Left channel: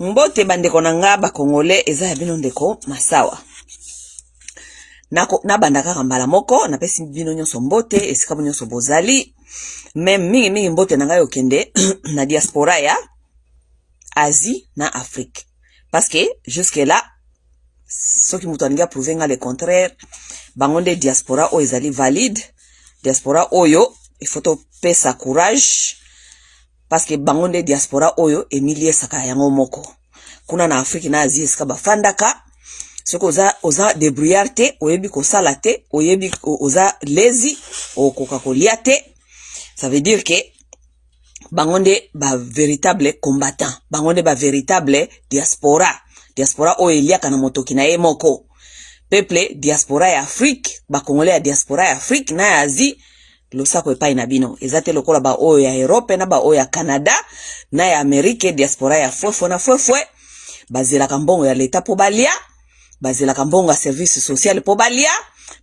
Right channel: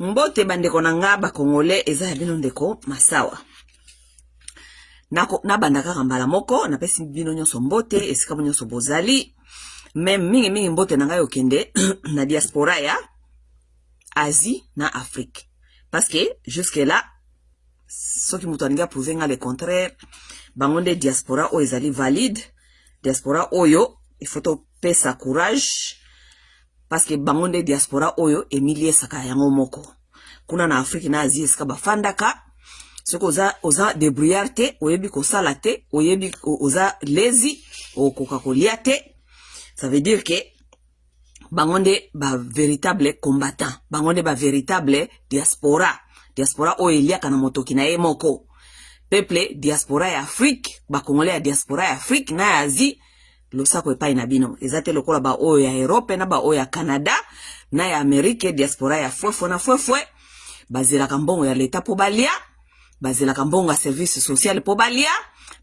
Mbote bandeko nanga ba Congolais eza ya bino ndeko masawa. Na banda kaka mbala moko na pesi bino nyonso mbote esika nyonso bozali. Même mingi mbote nanga yo kende na diaspora ya Asie na Afrique. Parce que jusque là ceux qui m'ont prouvé le contraire, bangonde diaspora o ezali valide. Diaspora oyo il faut to pesa courage. Parce que bangonde diaspora oyo emilie saka yango moko. Kuna na Afrique na Asie sika bafandaka. Soko oza débrouillard te, oyebi ko sala te, oyebi oza lazy, o kokakolia te. Ça veut dire que bangonde ba véritable combattant, bangonde ba véritable diaspora. Diaspora oyo eliaka na motoki na ye moko. Peuple diaspora ya Afrique, ba Congolais ya diaspora ya Afrique na Asie. Lo sako epai na bino ezate lokola ba oyo ya Europe na ba oyo ya Canada na ya Amerique diaspora ya fofo na fofo bazela kambongo ya leta po balia bazela kambongo ya service social po balia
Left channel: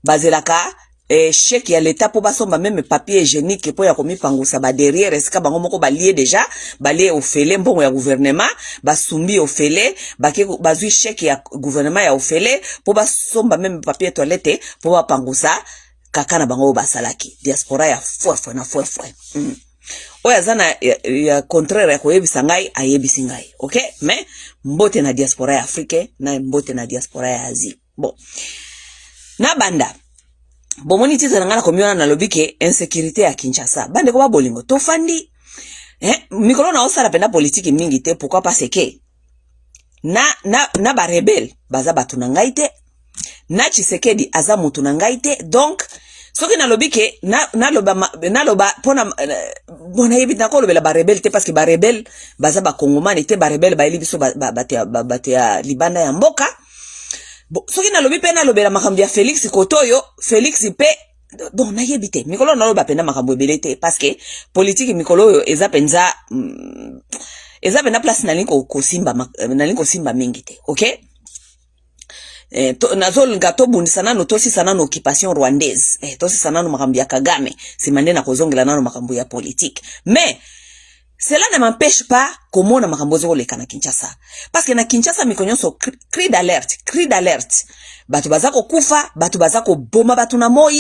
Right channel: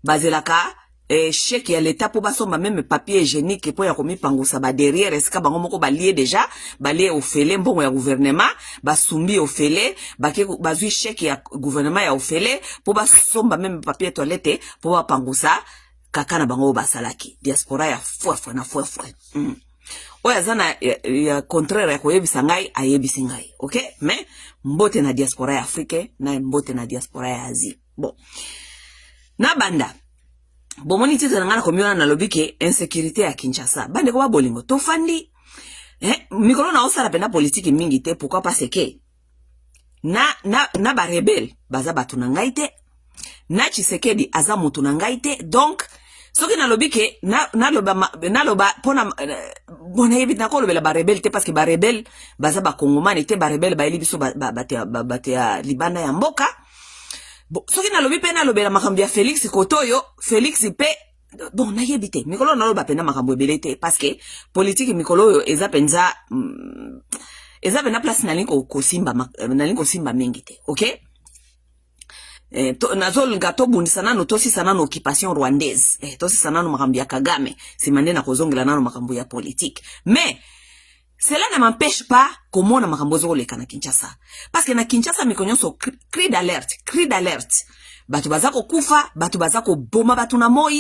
bazela ka chèque ya leta po basomba même papier hygiénique po ya komipangusa ba derrière esika bango moko balie déjà balie ofele mbongo ya gouvernement basumbi ofele bazui chèque ya gouvernement ya ofele po basomba même papier toilette po bapangusa kaka na bango basalaki diaspora ya fofo na fofo oya zana ya contraire ya koyebisa ngai ayebisi ngai okay mais mbote na diaspora ya Afrique na mbote na diaspora ya Asie bon na banda bomoni tite ngana komiona na lobike insécurité ya Kinshasa bande ko ba bolingo to fandi mikolo na osala pena politique mingi te pourquoi parce que na ba rebelle baza batu na ngai te na Tshisekedi aza mutu na ngai te donc soki na lobike na loba pona bona yebita ko lobela ba rebelle te parce que ba rebelle baza ba kongomani te ba rebelle ba eli biso batia libanda ya mboka bon soki na lobi pe na lobela makambo ya Félix Kotoyo Félix pe donc na yebite mikolo na loba pena makambo ebele te parce que politique mikolo yo eza penza place na linko simba mingi te okay nazolinga tobundisa nano tosisa nano occupation rwandaise tosisa nano makambo ya Kagame simande na kozongela nano makambo ya politique mais cela ne m'empêche pas komona makambo zoleka na Kinshasa parce que na Kinshasa mikonyonso cri d'alerte batu bazako kufa batu bazako boma batu na moi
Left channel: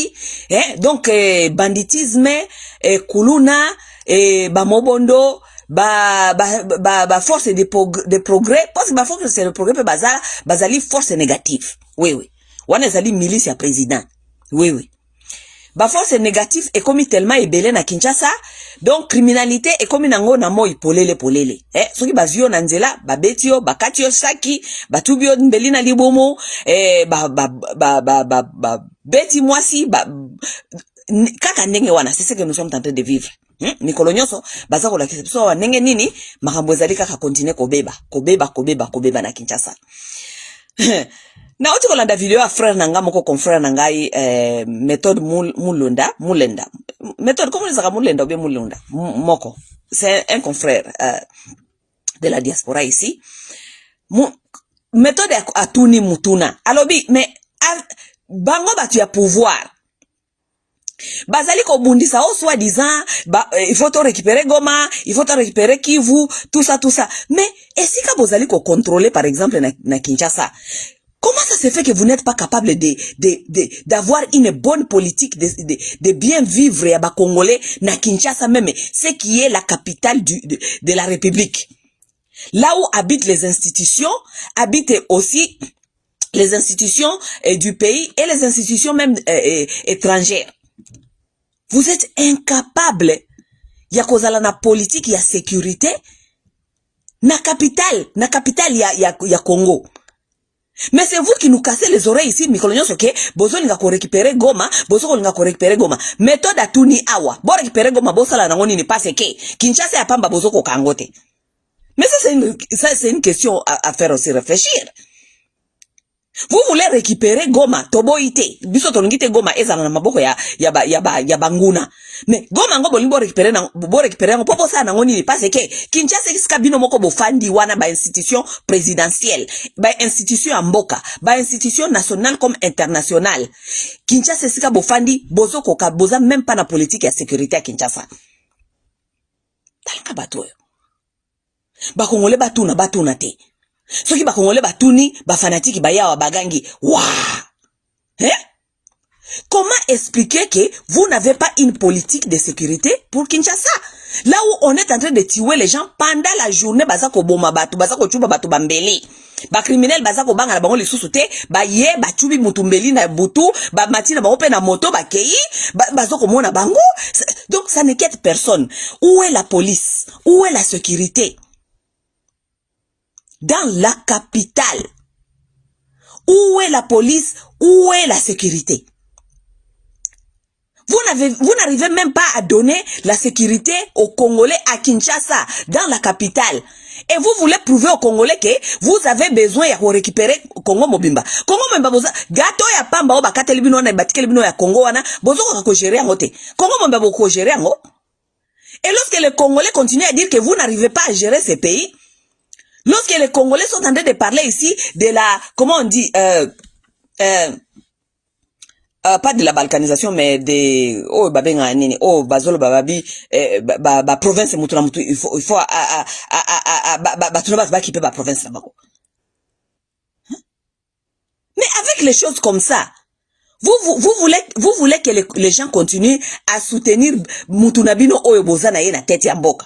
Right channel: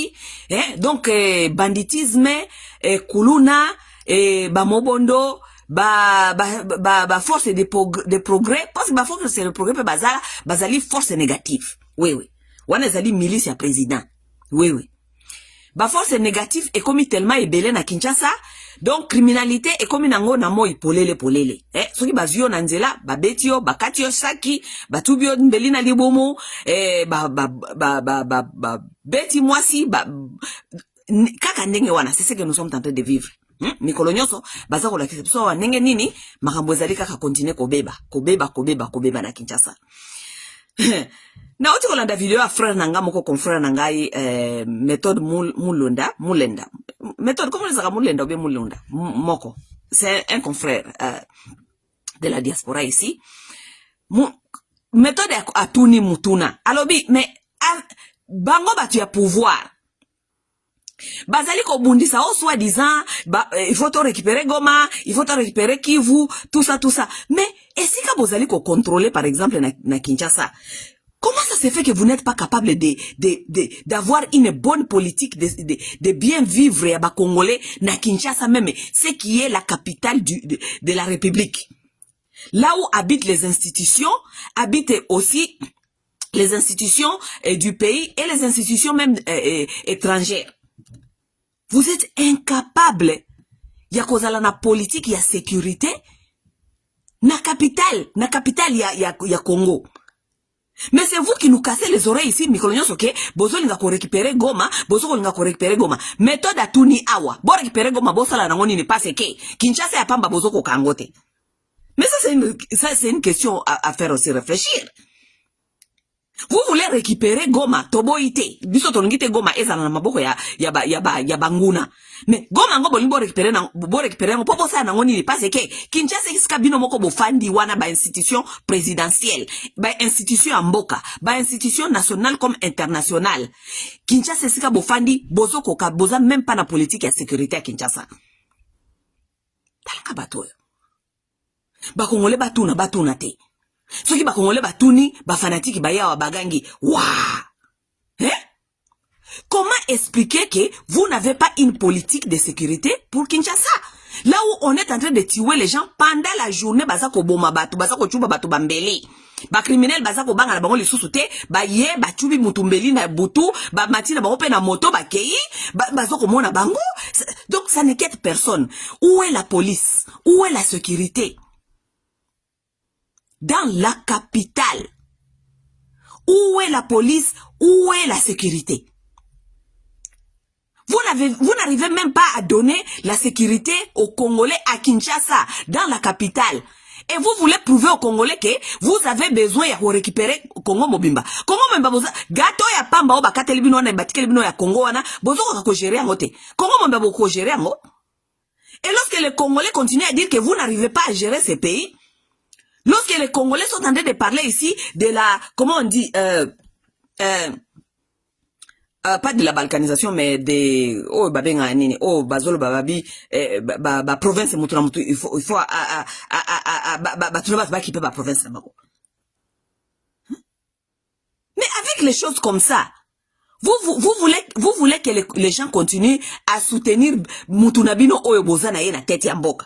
donc banditisme kuluna bamobondo ba force de progrès parce que ba force de progrès bazali force négative oui wana ezali milice ya président oui ba force négative est comme tellement ebele na Kinshasa donc criminalité est comme nango na moi polele soki bazio na nzela ba betio ba katio saki ba tubio ndeli na libomo ba beti mwasi kaka ndenge wana c'est ce que nous sommes en train de vivre mikolo nyonso baza ko lakisa so nenge nini makambo ezali kaka continue kobeba na Kinshasa na oti kolanda video ya frère nanga moko confrère nangai méthode mulenda méthode comment ça mulenda ou bien mulenda moko c'est un confrère de la diaspora ici méthode atuni mutuna alobi mais bango batu ya pouvoir bazali ko bundisa au soi-disant il faut to récupérer Goma, il faut to récupérer Kivu, tout ça mais est-ce que bozali ko contrôler par exemple na Kinshasa comment ça se fait que vous n'êtes pas capable d'avoir une bonne politique de bien vivre à Congolais na Kinshasa même ce qui est la capitale de la République là où habitent les institutions habitent aussi les institutions du pays et les institutions même étrangères. Vous êtes incapable ya kozala na politique ya sécurité na capitale ya Congo. Mais c'est vous qui nous cassez les oreilles ici mikolonyo soke bozo linga ko récupérer Goma, méthode atuni awa. Bo récupérer Goma bo sala nango nini parce que Kinshasa ya pamba bozo ko kangote. Mais ça c'est une question à faire aussi réfléchir. Vous voulez récupérer Goma, toboite, biso tolongite Goma eza na maboko ya banguna. Mais Goma ngo bolimbo récupérer ngo popo sa nango nini parce que Kinshasa iska bino moko bofandi wana ba institution présidentielle, ba institution ya mboka, ba institution nationale comme internationale. Kinshasa iska bofandi bozo koka boza même pas na politique ya sécurité à Kinshasa. Talaka bato. Ba Congolais batuna te. Soki ba Congolais batuni, ba fanatique ba yawa bagangi. Waouh! Hein? Comment expliquer que vous n'avez pas une politique de sécurité pour Kinshasa? Là où on est en train de tuer les gens pendant la journée, bazako boma batu, bazako chuba batu bambeli. Ba criminel bazako banga na bango le susute, ba ye, ba chubi mutumbeli na butu, ba matina ba ope na moto, ba kei, bazako mona bango. Donc ça n'inquiète personne. Où est la police? Où est la sécurité? Dans la capitale. Où est la police? Où est la sécurité? Vous n'arrivez même pas à donner la sécurité aux Congolais à Kinshasa, dans la capitale. Et vous voulez prouver aux Congolais que vous avez besoin de récupérer Congo Mobimba. Congo Mobimba, gato ya pamba oba kateli bino na batikeli bino ya Congo wana, bozo ko gérer ngote. Congo Mobimba ko gérer ngo. Et lorsque les Congolais continuent à dire que vous n'arrivez pas à gérer ces pays, lorsque les Congolais sont en train de parler ici de la, comment on dit, pas de la balkanisation, mais de babenga nini bazolo bababi province mutuna mutu il faut qui peut province là-bas. Mais avec les choses comme ça, vous voulez que les gens continuent à soutenir mutunabino oyo bozana ye na tête ya mboka.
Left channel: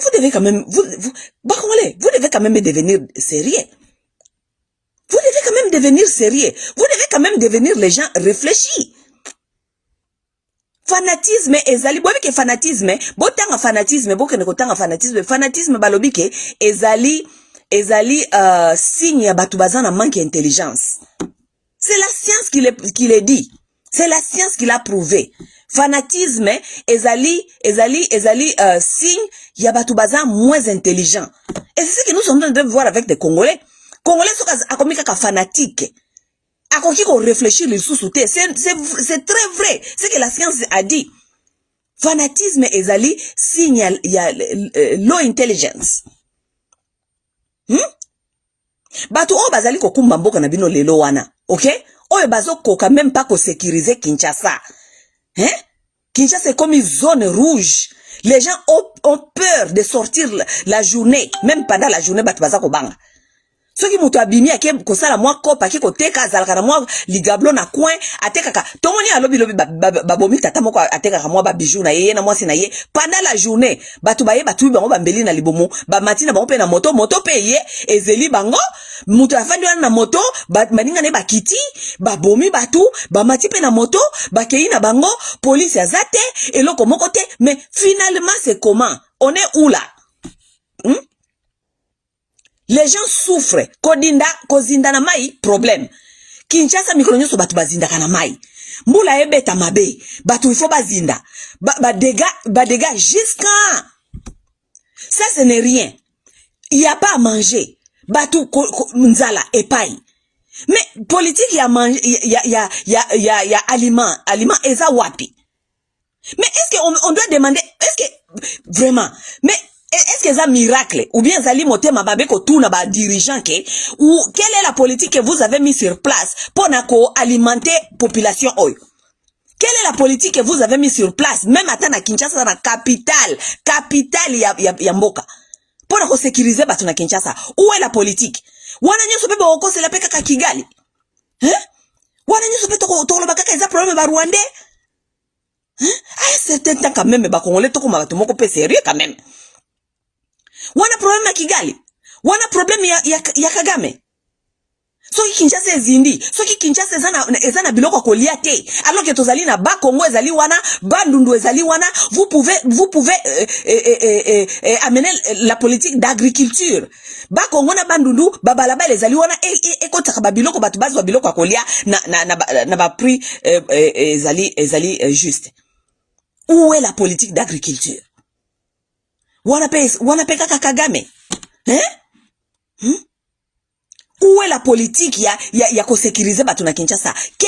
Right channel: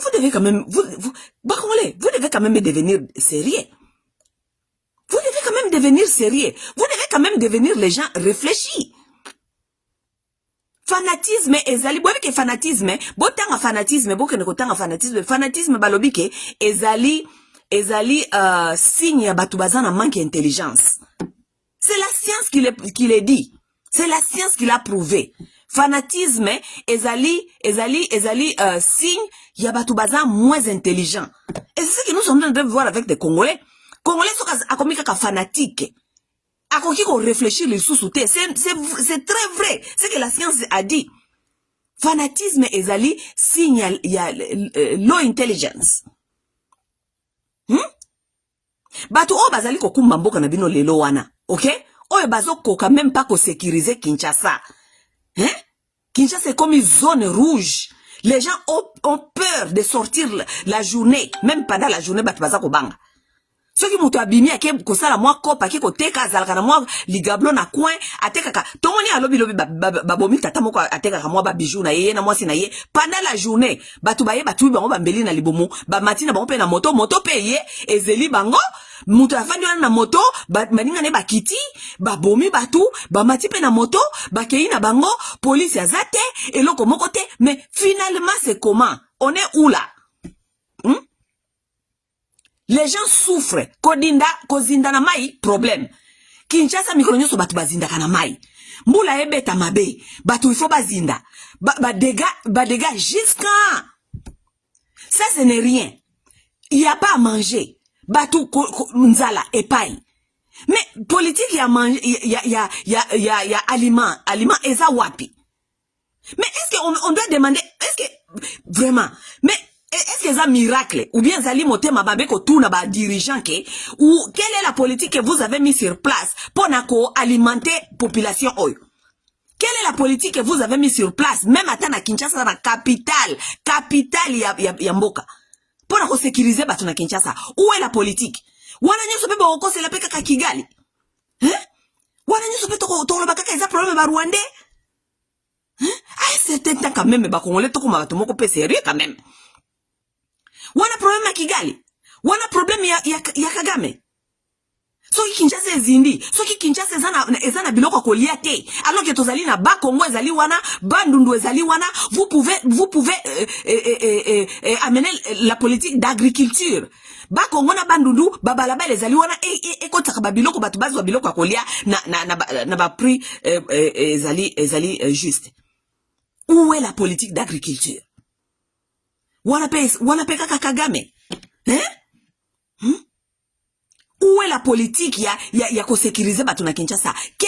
Vous devez quand même vous devez quand même devenir sérieux. Vous devez quand même devenir sérieux. Vous devez quand même devenir les gens réfléchis. Fanatisme ezali bobi ke fanatisme botanga fanatisme bokene kotanga fanatisme balobi ke ezali signe ya batu bazana manque d'intelligence. C'est la science qui le dit. C'est la science qui l'a prouvé. Fanatisme ezali signe ya batu bazana moins intelligent. Et c'est ce que nous sommes en train de voir avec des Congolais. Congolais sont à fanatique. À quoi qu'on réfléchit le sous-souté. C'est très vrai. C'est que la science a dit. Fanatisme ezali signe ya low intelligence. Bato o bazali ko kumba mboka na bino lelo wana. OK? Oyo bazo koka même pas ko sécuriser Kinshasa. Hein? Kinshasa est comme une zone rouge. Les gens ont peur de sortir la journée. Même pendant la journée, bato bazako banga. Ceux qui mutu abimi ake kosala mwa kopa ki koteka azalaka na mwa ligablo na coin atekaka tomoni alobi babomi tata moko atekaka mwa ba bijou na ye na mwasi na ye pendant la journée batu bango bambeli na libomo ba matina bango pe na moto pe ye ezeli bango mutu afandi wana na moto baninga ne bakiti babomi batu ba mati pe na moto bakei na bango police azate eloko moko te. Mais finalement c'est comment? On est où là? Les gens souffrent. Kozinda na mai, problème. Kinshasa mikolo nyoso batu bazinda kana mai. Mbula ebeta mabe. Batu il faut bazinda. Dégâts jusqu'à. Ça, ce n'est rien. Il n'y a pas à manger. Batu nzala epai. Mais politique, il y a manger, il y a aliment eza wapi. Mais est-ce qu'on doit demander, est-ce que, vraiment, mais, est-ce que c'est un miracle? Ou bien Zali Motema Babeko tourne ba dirigeant ke? Ou quelle est la politique que vous avez mis sur place pour alimenter population oyo? Quelle est la politique que vous avez mis sur place? Même à na Kinshasa, na capitale ya mboka. Pour sécuriser batu na Kinshasa. Où est la politique? Wana nyoso bebe oko se la peka ka Kigali. Hein? Wana nyoso bebe toko lo bakaka eza problème ba Rwandais. Hein? Ah, c'est un temps quand même ba Congolais toko ma batu moko pe sérieux quand même. Wana problème ya Kigali. Wana problème ya Kagame. Soki Kinshasa ezindi. Soki Kinshasa ezana biloko kolia te. Alors que tozali na ba Congo ezali wana, ba Ndundu ezali wana, vous pouvez amener la politique d'agriculture. Ba Congo na ba Ndundu, ba balaba ezali wana e kotaka ba biloko batu bazo biloko kolia na ba prix ezali juste. Où est la politique d'agriculture? Wana pe kaka Kagame. Hein? Où est la politique ya ko sécuriser batu na Kinshasa? Que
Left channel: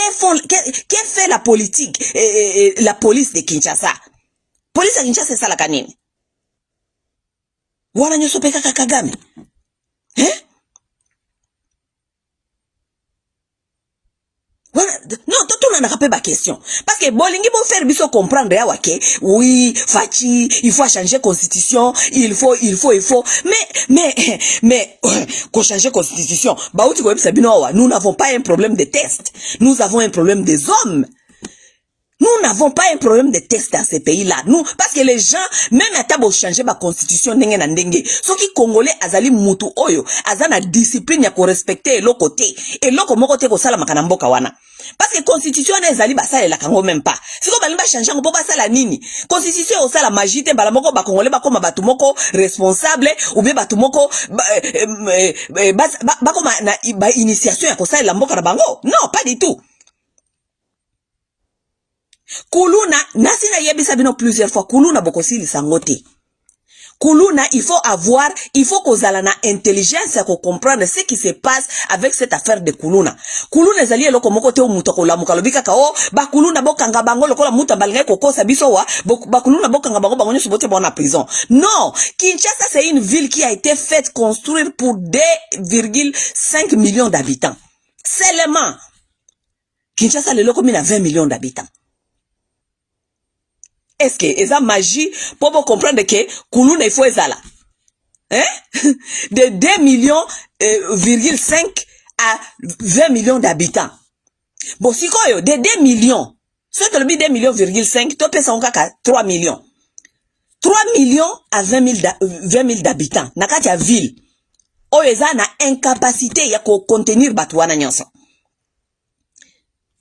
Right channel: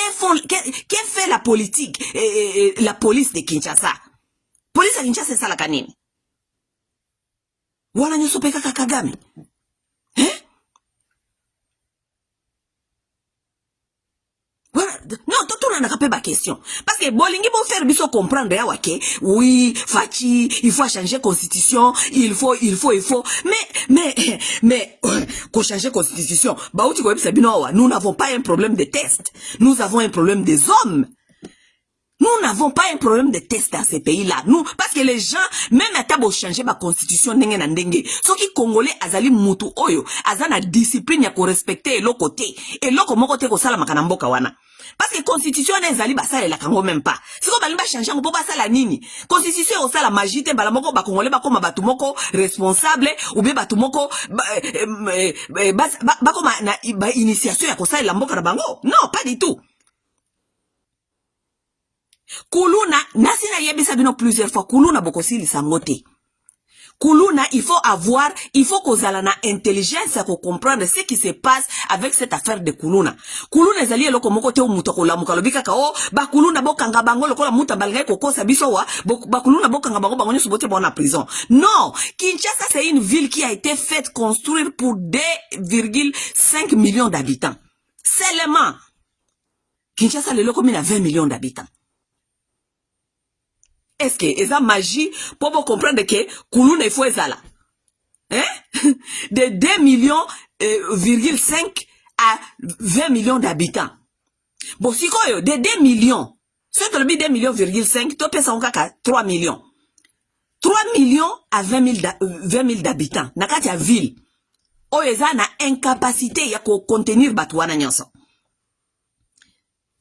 fait la politique la police de Kinshasa? Police ya Kinshasa sala kanini? Wana nyoso pe kaka Kagame. Hein? Voilà. Non, tout n'a pas de question. Parce que Bolingi vont faire biso comprendre ya wake. Oui, Fachi, il faut changer constitution, il faut. Mais, qu'on change constitution. Bah, tu vois, nous n'avons pas un problème de test. Nous avons un problème des hommes. Nous n'avons pas un problème de test dans ces pays-là. Nous, parce que les gens, même à tabo changer ma constitution, n'enge na ndenge. Ce qui congolais, azali mutu oyo, azana discipline ya ko respecter l'autre côté. Et l'autre moko te ko sala makanamboka wana. Parce que constitution na ezali basala la kango même pas. Si ko balimba changer ngo ba sala nini. Constitution o sala magite bala moko ba congolais ba koma batu moko responsable ou bien batu moko ba koma na ba initiation ya ko sala mboka na bango. Non, pas du tout. Kuluna, nasinga yebisa bino plusieurs fois, kuluna bokosili sangote. Kuluna, il faut kozala na intelligence à comprendre ce qui se passe avec cette affaire de kuluna. Kuluna ezali eloko moko te umuta ko lamuka lobika ka o ba kuluna bokanga bango lokola muta balinga kokosa biso wa ba kuluna bokanga bango bango nyoso bote bona prison. Non, Kinshasa c'est une ville qui a été faite construire pour 2,5 millions d'habitants. Seulement Kinshasa le loko mina 20 millions d'habitants. Est-ce que esa magie pour vous comprendre que Kuluna il faut ezala hein de 2 millions 5 à 20 millions d'habitants. Bon si quoi de 2 millions soit le 2 millions 5 to pesa onka 3 millions 3 millions à 20 000 d'habitants nakati ya ville o eza na incapacité ya ko contenir batuana nyonso.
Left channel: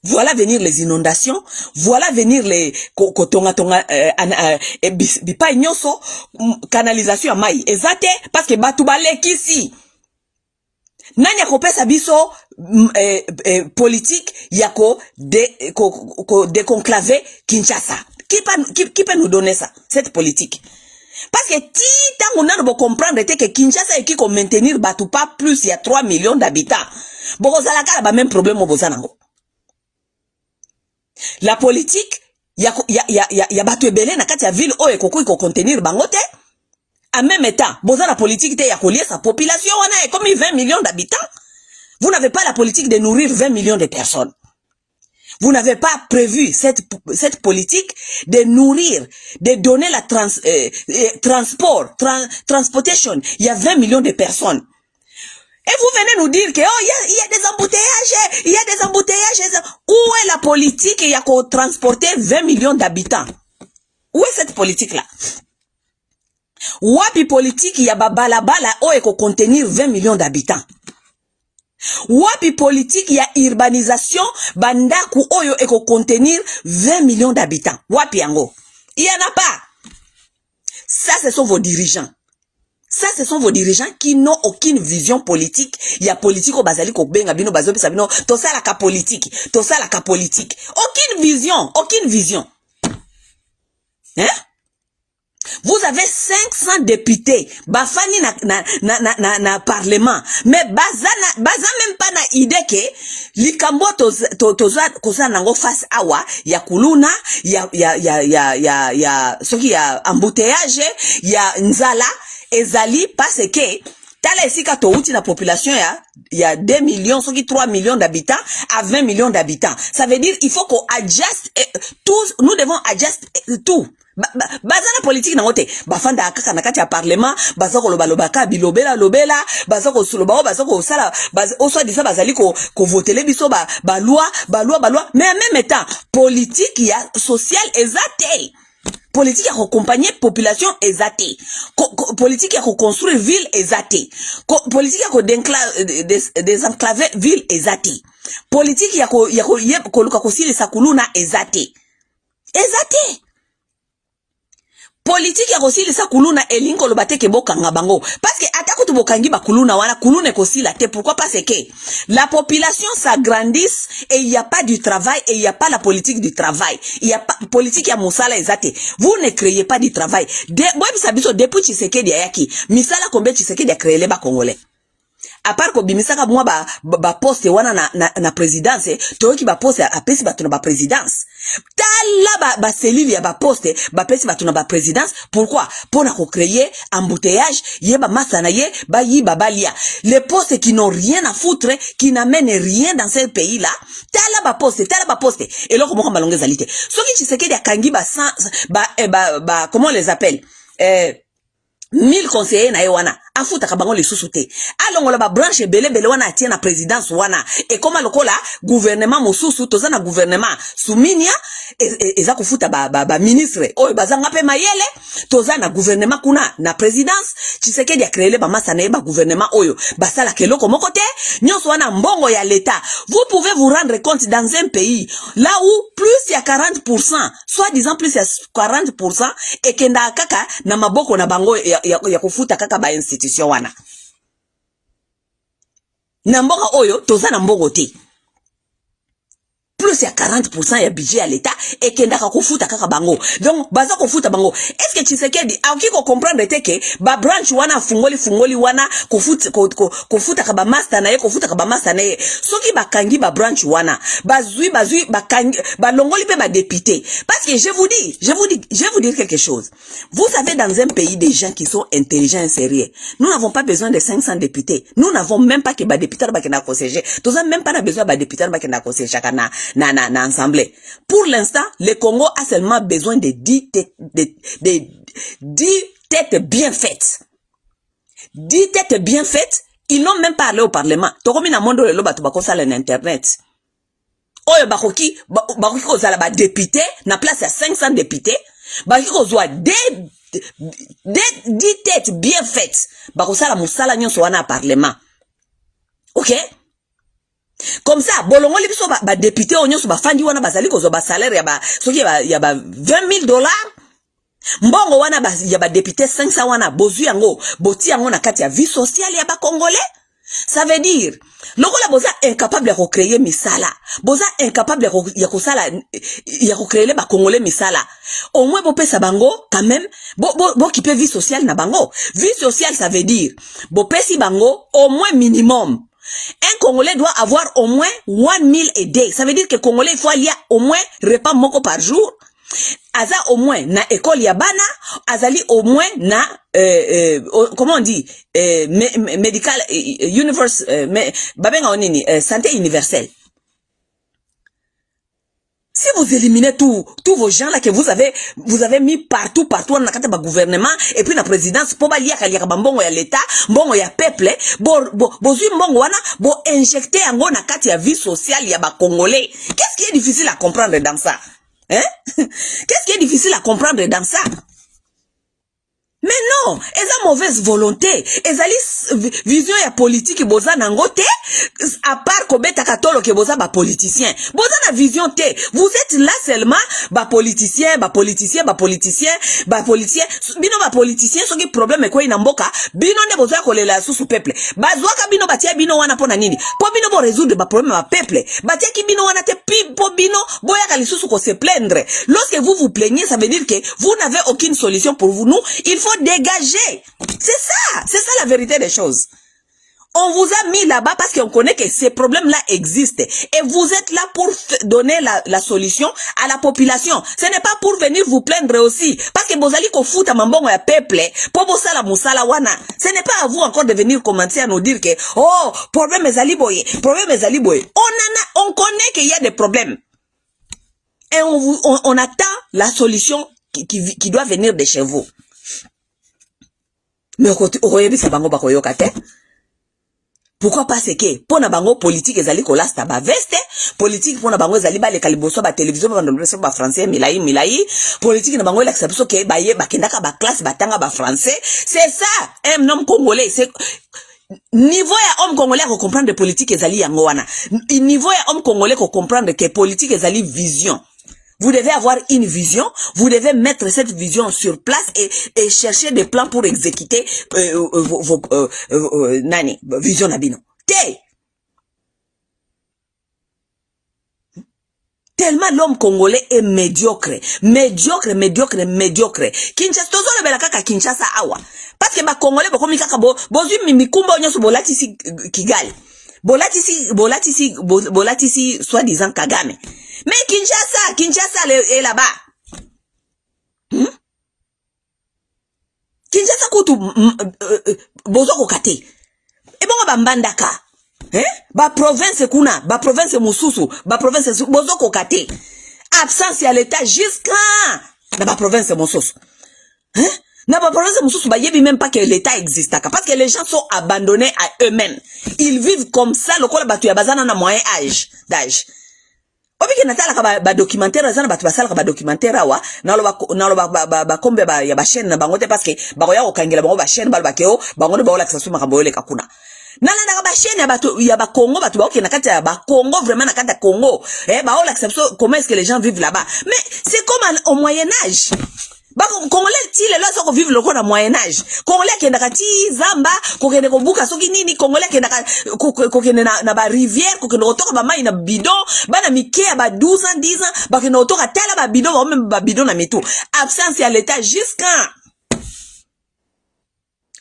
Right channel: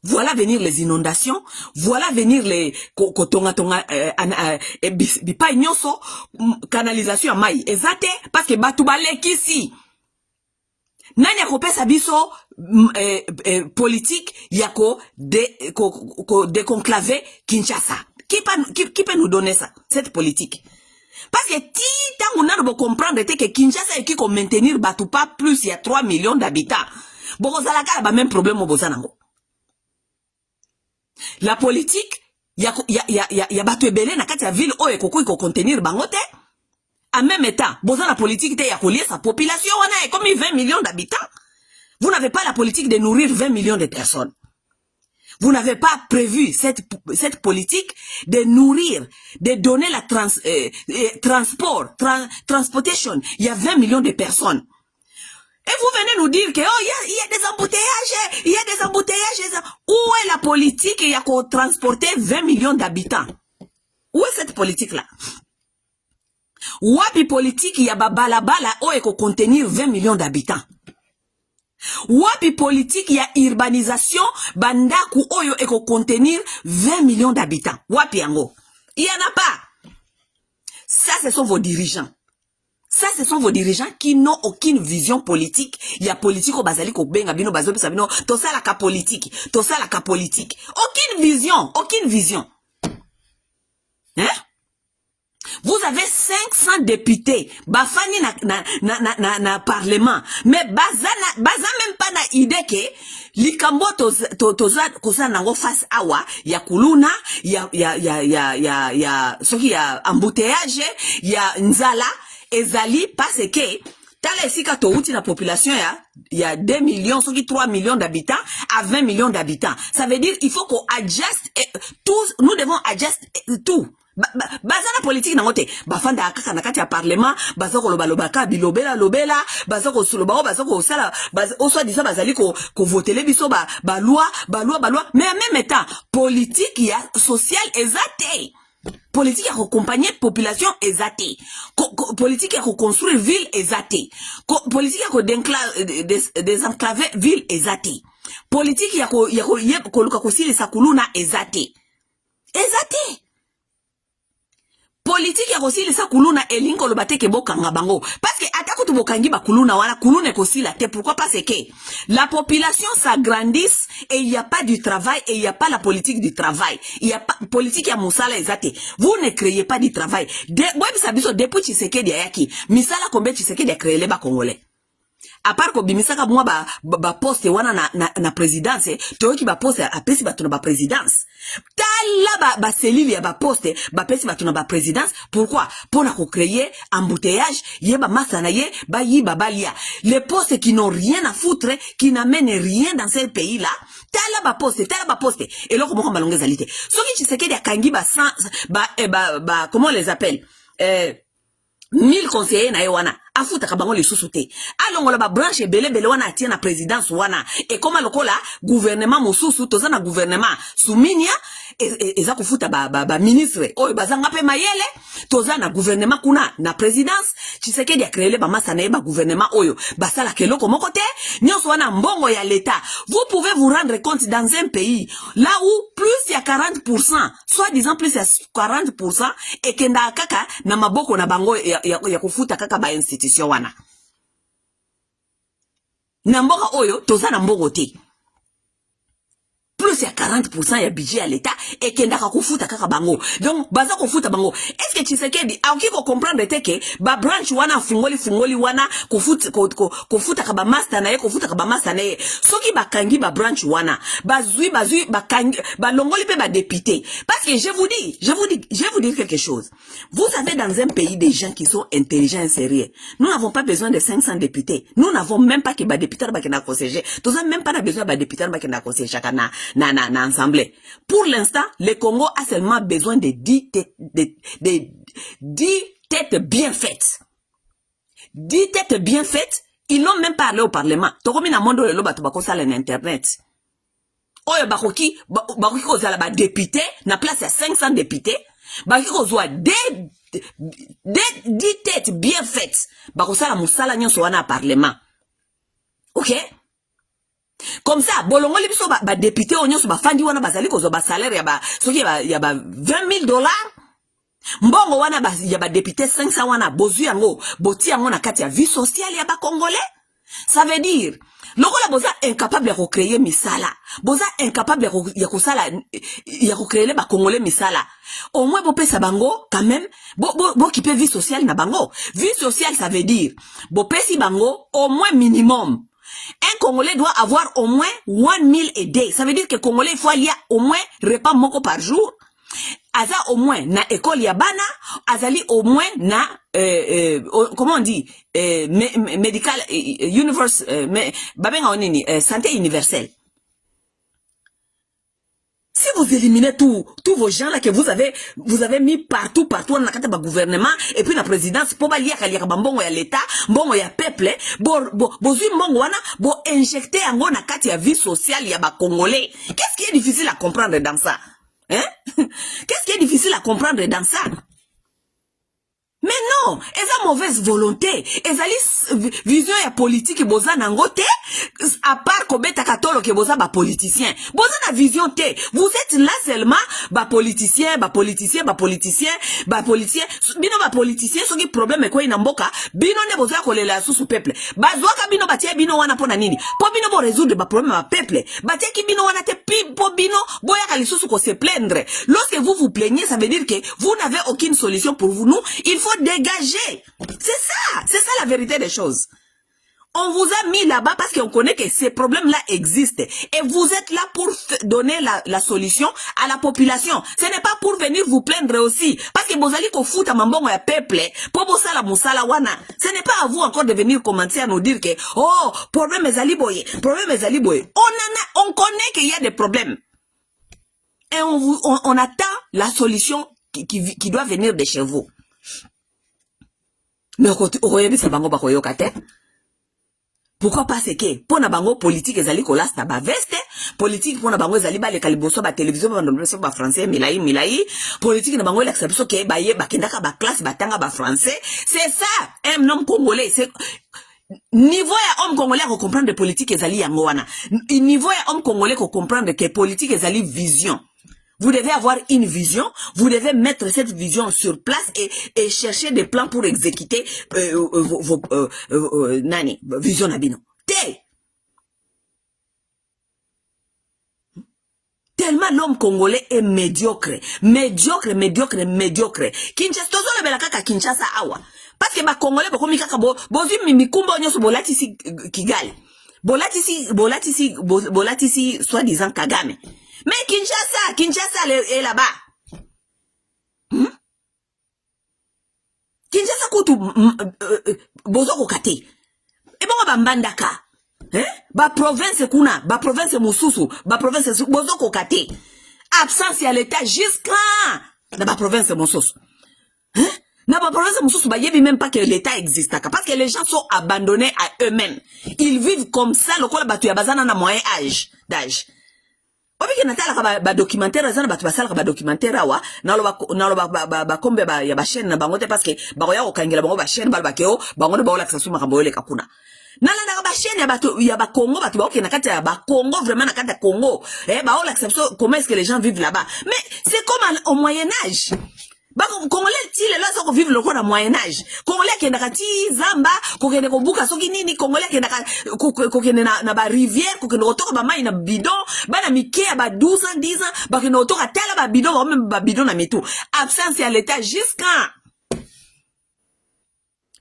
Voilà venir les inondations, voilà venir les bipa nyonso canalisation à maï. Ezate parce que batu balek ici. Nanya ko pesa biso politique yako déconclaver Kinshasa. Qui peut nous donner ça, cette politique? Parce que ti tango nano comprendre que Kinshasa qui ko maintenir batu pas plus il y a 3 millions d'habitants. Boko zalaka ba même problème au bozanango. La politique, ya batu ebele na kati ya ville o ekoko ko contenir bangote. En même temps, boza la politique te ya kolier sa population wana est comme 20 millions d'habitants. Vous n'avez pas la politique de nourrir 20 millions de personnes. Vous n'avez pas prévu cette politique de nourrir, de donner la transportation. Il y a 20 millions de personnes. Et vous venez nous dire que oh, il y a des embouteillages, il y a des embouteillages. Où est la politique qui a transporté 20 millions d'habitants? Où est cette politique-là? Wapi politique il y a balabala où est contenir 20 millions d'habitants? Wapi politique il y a urbanisation bandaku oyo est contenir 20 millions d'habitants? Wapi yango? Il y en a pas. Ça, ce sont vos dirigeants. Ça, ce sont vos dirigeants qui n'ont aucune vision politique. Il y a politique au bazali ko benga bino bazopi sabino. To ça la ka politique. To ça la ka politique. Aucune vision. Aucune vision. Hein? Vous avez 500 députés. Bafani na parlement. Mais baza même pas na idée que likambo toza nango face awa ya kuluna ya soki ya embouteillage ya nzala ezali parce que tala esika to uti la population ya 2 millions soki 3 millions d'habitants à 20 millions d'habitants. Ça veut dire il faut qu'on adjust tous, nous devons adjust tout. Bazana politique na ngote bafanda kaka na kati ya parlement bazako loba ka bilobela bazako soloba bazako sala oso disa bazali ko votele biso ba loi mais en même temps politique ya social ezate. Politique à accompagner population ezate. Politique à reconstruire ville ezate. Politique à désenclaver ville ezate. Politique ya ko kosili sakuluna ezate. Ezate. Politique ya kosili sa kuluna elinko lo bateke bokanga bango parce que atako to bokangi ba kuluna wana kuluna kosila te. Pourquoi? Parce que la population s'agrandisse et il y a pas du travail et il y a pas la politique du travail. Il y a pas politique ya musala ezate. Vous ne créez pas du travail. Depuis Tshisekedi ayaki misala combien Tshisekedi a créé les ba congolais. à part ko bimisaka moi ba poste wana na présidence toyoki ba poste a pesi bato na ba présidence tala ba cellule ya ba poste ba pesi bato na ba présidence pourquoi pour na ko créer embouteillage ye ba masana ye ba yi babalia les postes qui n'ont rien à foutre qui n'amènent rien dans ce pays là tala ba poste et là comment balonge zalité soki Tshisekedi akangi comment on les appelle 1000 conseillers na wana afuta kabango le susute alongola ba branche bele wana atie na présidence wana et comme lokola gouvernement mosusu toza na gouvernement suminia eza kufuta ba ministre oyo bazanga pe mayele toza na gouvernement kuna na présidence Tshisekedi a créé ba masa na ba gouvernement oyo basala keloko moko te nyonso wana mbongo ya l'état vous pouvez vous rendre compte dans un pays là où plus il y a 40% soit disant plus il y a 40% et kenda kaka na maboko na bango ya kufuta kaka ba institution wana na mboka oyo toza na mbongo te plus ya 40% ya budget à l'état et kendaka kufuta kaka bango donc baza kufuta bango est-ce que Tshisekedi aoki ko comprendre teke ba branch wana fungoli wana kufuta ka ba master na ye kufuta ka ba master na ye soki bakangi ba branch wana bazui bakangi ba longoli pe ba député parce que je vous dire quelque chose vous savez dans un pays des gens qui sont intelligents et sérieux nous n'avons pas besoin de 500 députés nous n'avons même pas que ba député ba kena conseiller tous même pas besoin ba député ba kena conseiller chakana na assemblée. Pour l'instant, le Congo a seulement besoin de 10 têtes bien faites. 10 têtes bien faites, ils n'ont même pas parlé au Parlement. Tokomi na mondo lo bato bako sala na internet. Oyo bakoki ko zala ba député na place à 500 députés, bakoki ko zwa 10 têtes bien faites. Bako sala musala nyonso wana Parlement. OK? Comme ça, bolongo li biso ba député onyoso ba fandi wana bazali ko zo ba salaire ya ba soki ya ba $20,000 mbongo wana ba ya ba député 500 wana bozu yango boti yango na kati ya vie sociale ya ba congolais ça veut dire lokola boza incapable ya créer misala boza incapable ya kusala ya créer ba congolais misala au moins bo pesa bango quand même bo qui peut vie sociale na bango vie sociale ça veut dire bo pesi bango au moins minimum. Un Congolais doit avoir au moins 1 meal a day. Ça veut dire que Congolais, il faut aller au moins repas moko par jour. Aza au moins na école ya bana, azali au moins na comment on dit medical universe babenga onini santé universelle. Si vous éliminez tous vos gens là que vous avez mis partout dans le gouvernement et puis la présidence pour balia kaliaka mbongo ya l'état, mbongo ya peuple, bozui mbongo wana bo injecter yango na kati ya vie sociale ya ba congolais. Qu'est-ce qui est difficile à comprendre dans ça? Hein? Qu'est-ce qui est difficile à comprendre dans ça? Mais non, eza mauvaise volonté, ezali vision ya politique boza nangote, à part kobeta katolo ke boza ba politicien. Boza na vision te. Vous êtes là seulement ba politicien, bino ba politicien soki problème ko ina mboka, bino ne boza kolela susu peuple. Bazwaka bino batia bino wana pona nini? Po bino bo résoudre ba problème ba peuple. Batia ki bino wana te po bino boya ka lisusu ko se plaindre. Lorsque vous vous plaignez, ça veut dire que vous n'avez aucune solution pour vous. Nous, il faut dégager. C'est ça la vérité des choses. On vous a mis là-bas parce qu'on connaît que ces problèmes-là existent. Et vous êtes là pour donner la solution à la population. Ce n'est pas pour venir vous plaindre aussi. Parce que vous allez fout à mambongo ya peuple. Pour vous sala musala wana. Ce n'est pas à vous encore de venir commencer à nous dire que, oh, problème est aliboye. On connaît qu'il y a des problèmes. Et on attend la solution qui doit venir de chez vous. Mais pourquoi pas c'est que pour na bango politique ezali kolasta ba veste politique pour na bango ezali ba le kaliboso ba télévision ba ndoloso ba français milai politique na bango la sabiso ke ba ye ba kendaka ba classe ba tanga ba français c'est ça un homme congolais c'est niveau ya homme congolais ko comprendre politique ezali yango wana niveau ya homme congolais ko comprendre que politique ezali vision. Vous devez avoir une vision, vous devez mettre cette vision sur place et chercher des plans pour exécuter vos vision nabino. Tellement l'homme congolais est médiocre. Kinshasa, tozo le belaka ka Kinshasa awa. Parce que ba Congolais ba komi kaka bozui mikumba nyonso bolatisi Kigali. Bolatisi soi-disant Kagame. Mais Kinshasa est là-bas. Kinshasa kutu bozoko kate. Et bon ba mbandaka. Ba province kuna, ba province mususu, ba province bozoko kate. Absence à l'état jusqu'à dans ba province mususu. Dans ba province mususu ba yebi même pas que l'état existe parce que les gens sont abandonnés à eux-mêmes. Ils vivent comme ça lokola batu ya bazana na moyen d'âge. Obiki natala ba documentaire zana batu basala ba documentaire wa nalo ba kombe ba ya ba chaîne na bango te parce que ba ya okangela bango ba chaîne ba keo bango ba ola tsasu makambo yole kakuna nalanda ba chaîne ya batu ya ba Congo batu ba okena kati ya ba Congo vraiment na kati ya Congo ba ola tsasu comment est-ce que les gens vivent là-bas mais c'est comme au Moyen Âge. Bah, Congolais, ti les là sont vivre le quoi dans Moyen Âge. Congolais qui n'a kati zamba, kokende ko buka soki nini, Congolais qui n'a kokende na ba rivière, kokende otoka ba mai na bidon, ba na mike ba 12 ans, 10 ans, ba kokende otoka tala ba bidon, ba même ba bidon na mitou. Absence à l'état jusqu'à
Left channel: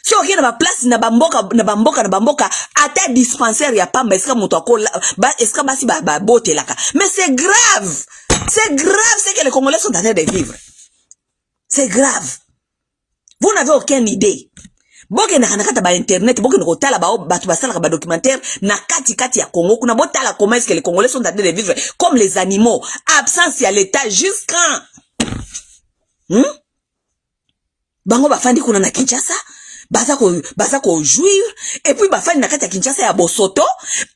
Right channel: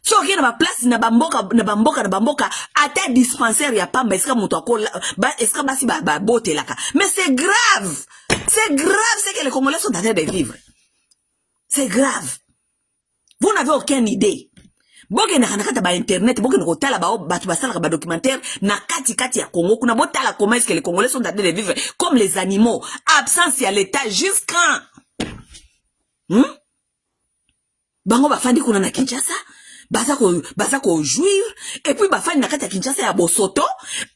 si on vient na ba place na bamboka ata dispensaire ya pamba eska muto akola ba eska basi ba bote laka. Mais c'est grave. C'est grave c'est que les Congolais sont en train de vivre. C'est grave. Vous n'avez aucune idée. Boke na kanakata ba internet, boke na kotala ba batu basala ba documentaire na kati ya Congo kuna botala comment est-ce que les Congolais sont en train de vivre comme les animaux, absence à l'état jusqu'à bango bafandi kuna na Kinshasa baza ko jouir et puis bafandi na kati ya Kinshasa ya bosoto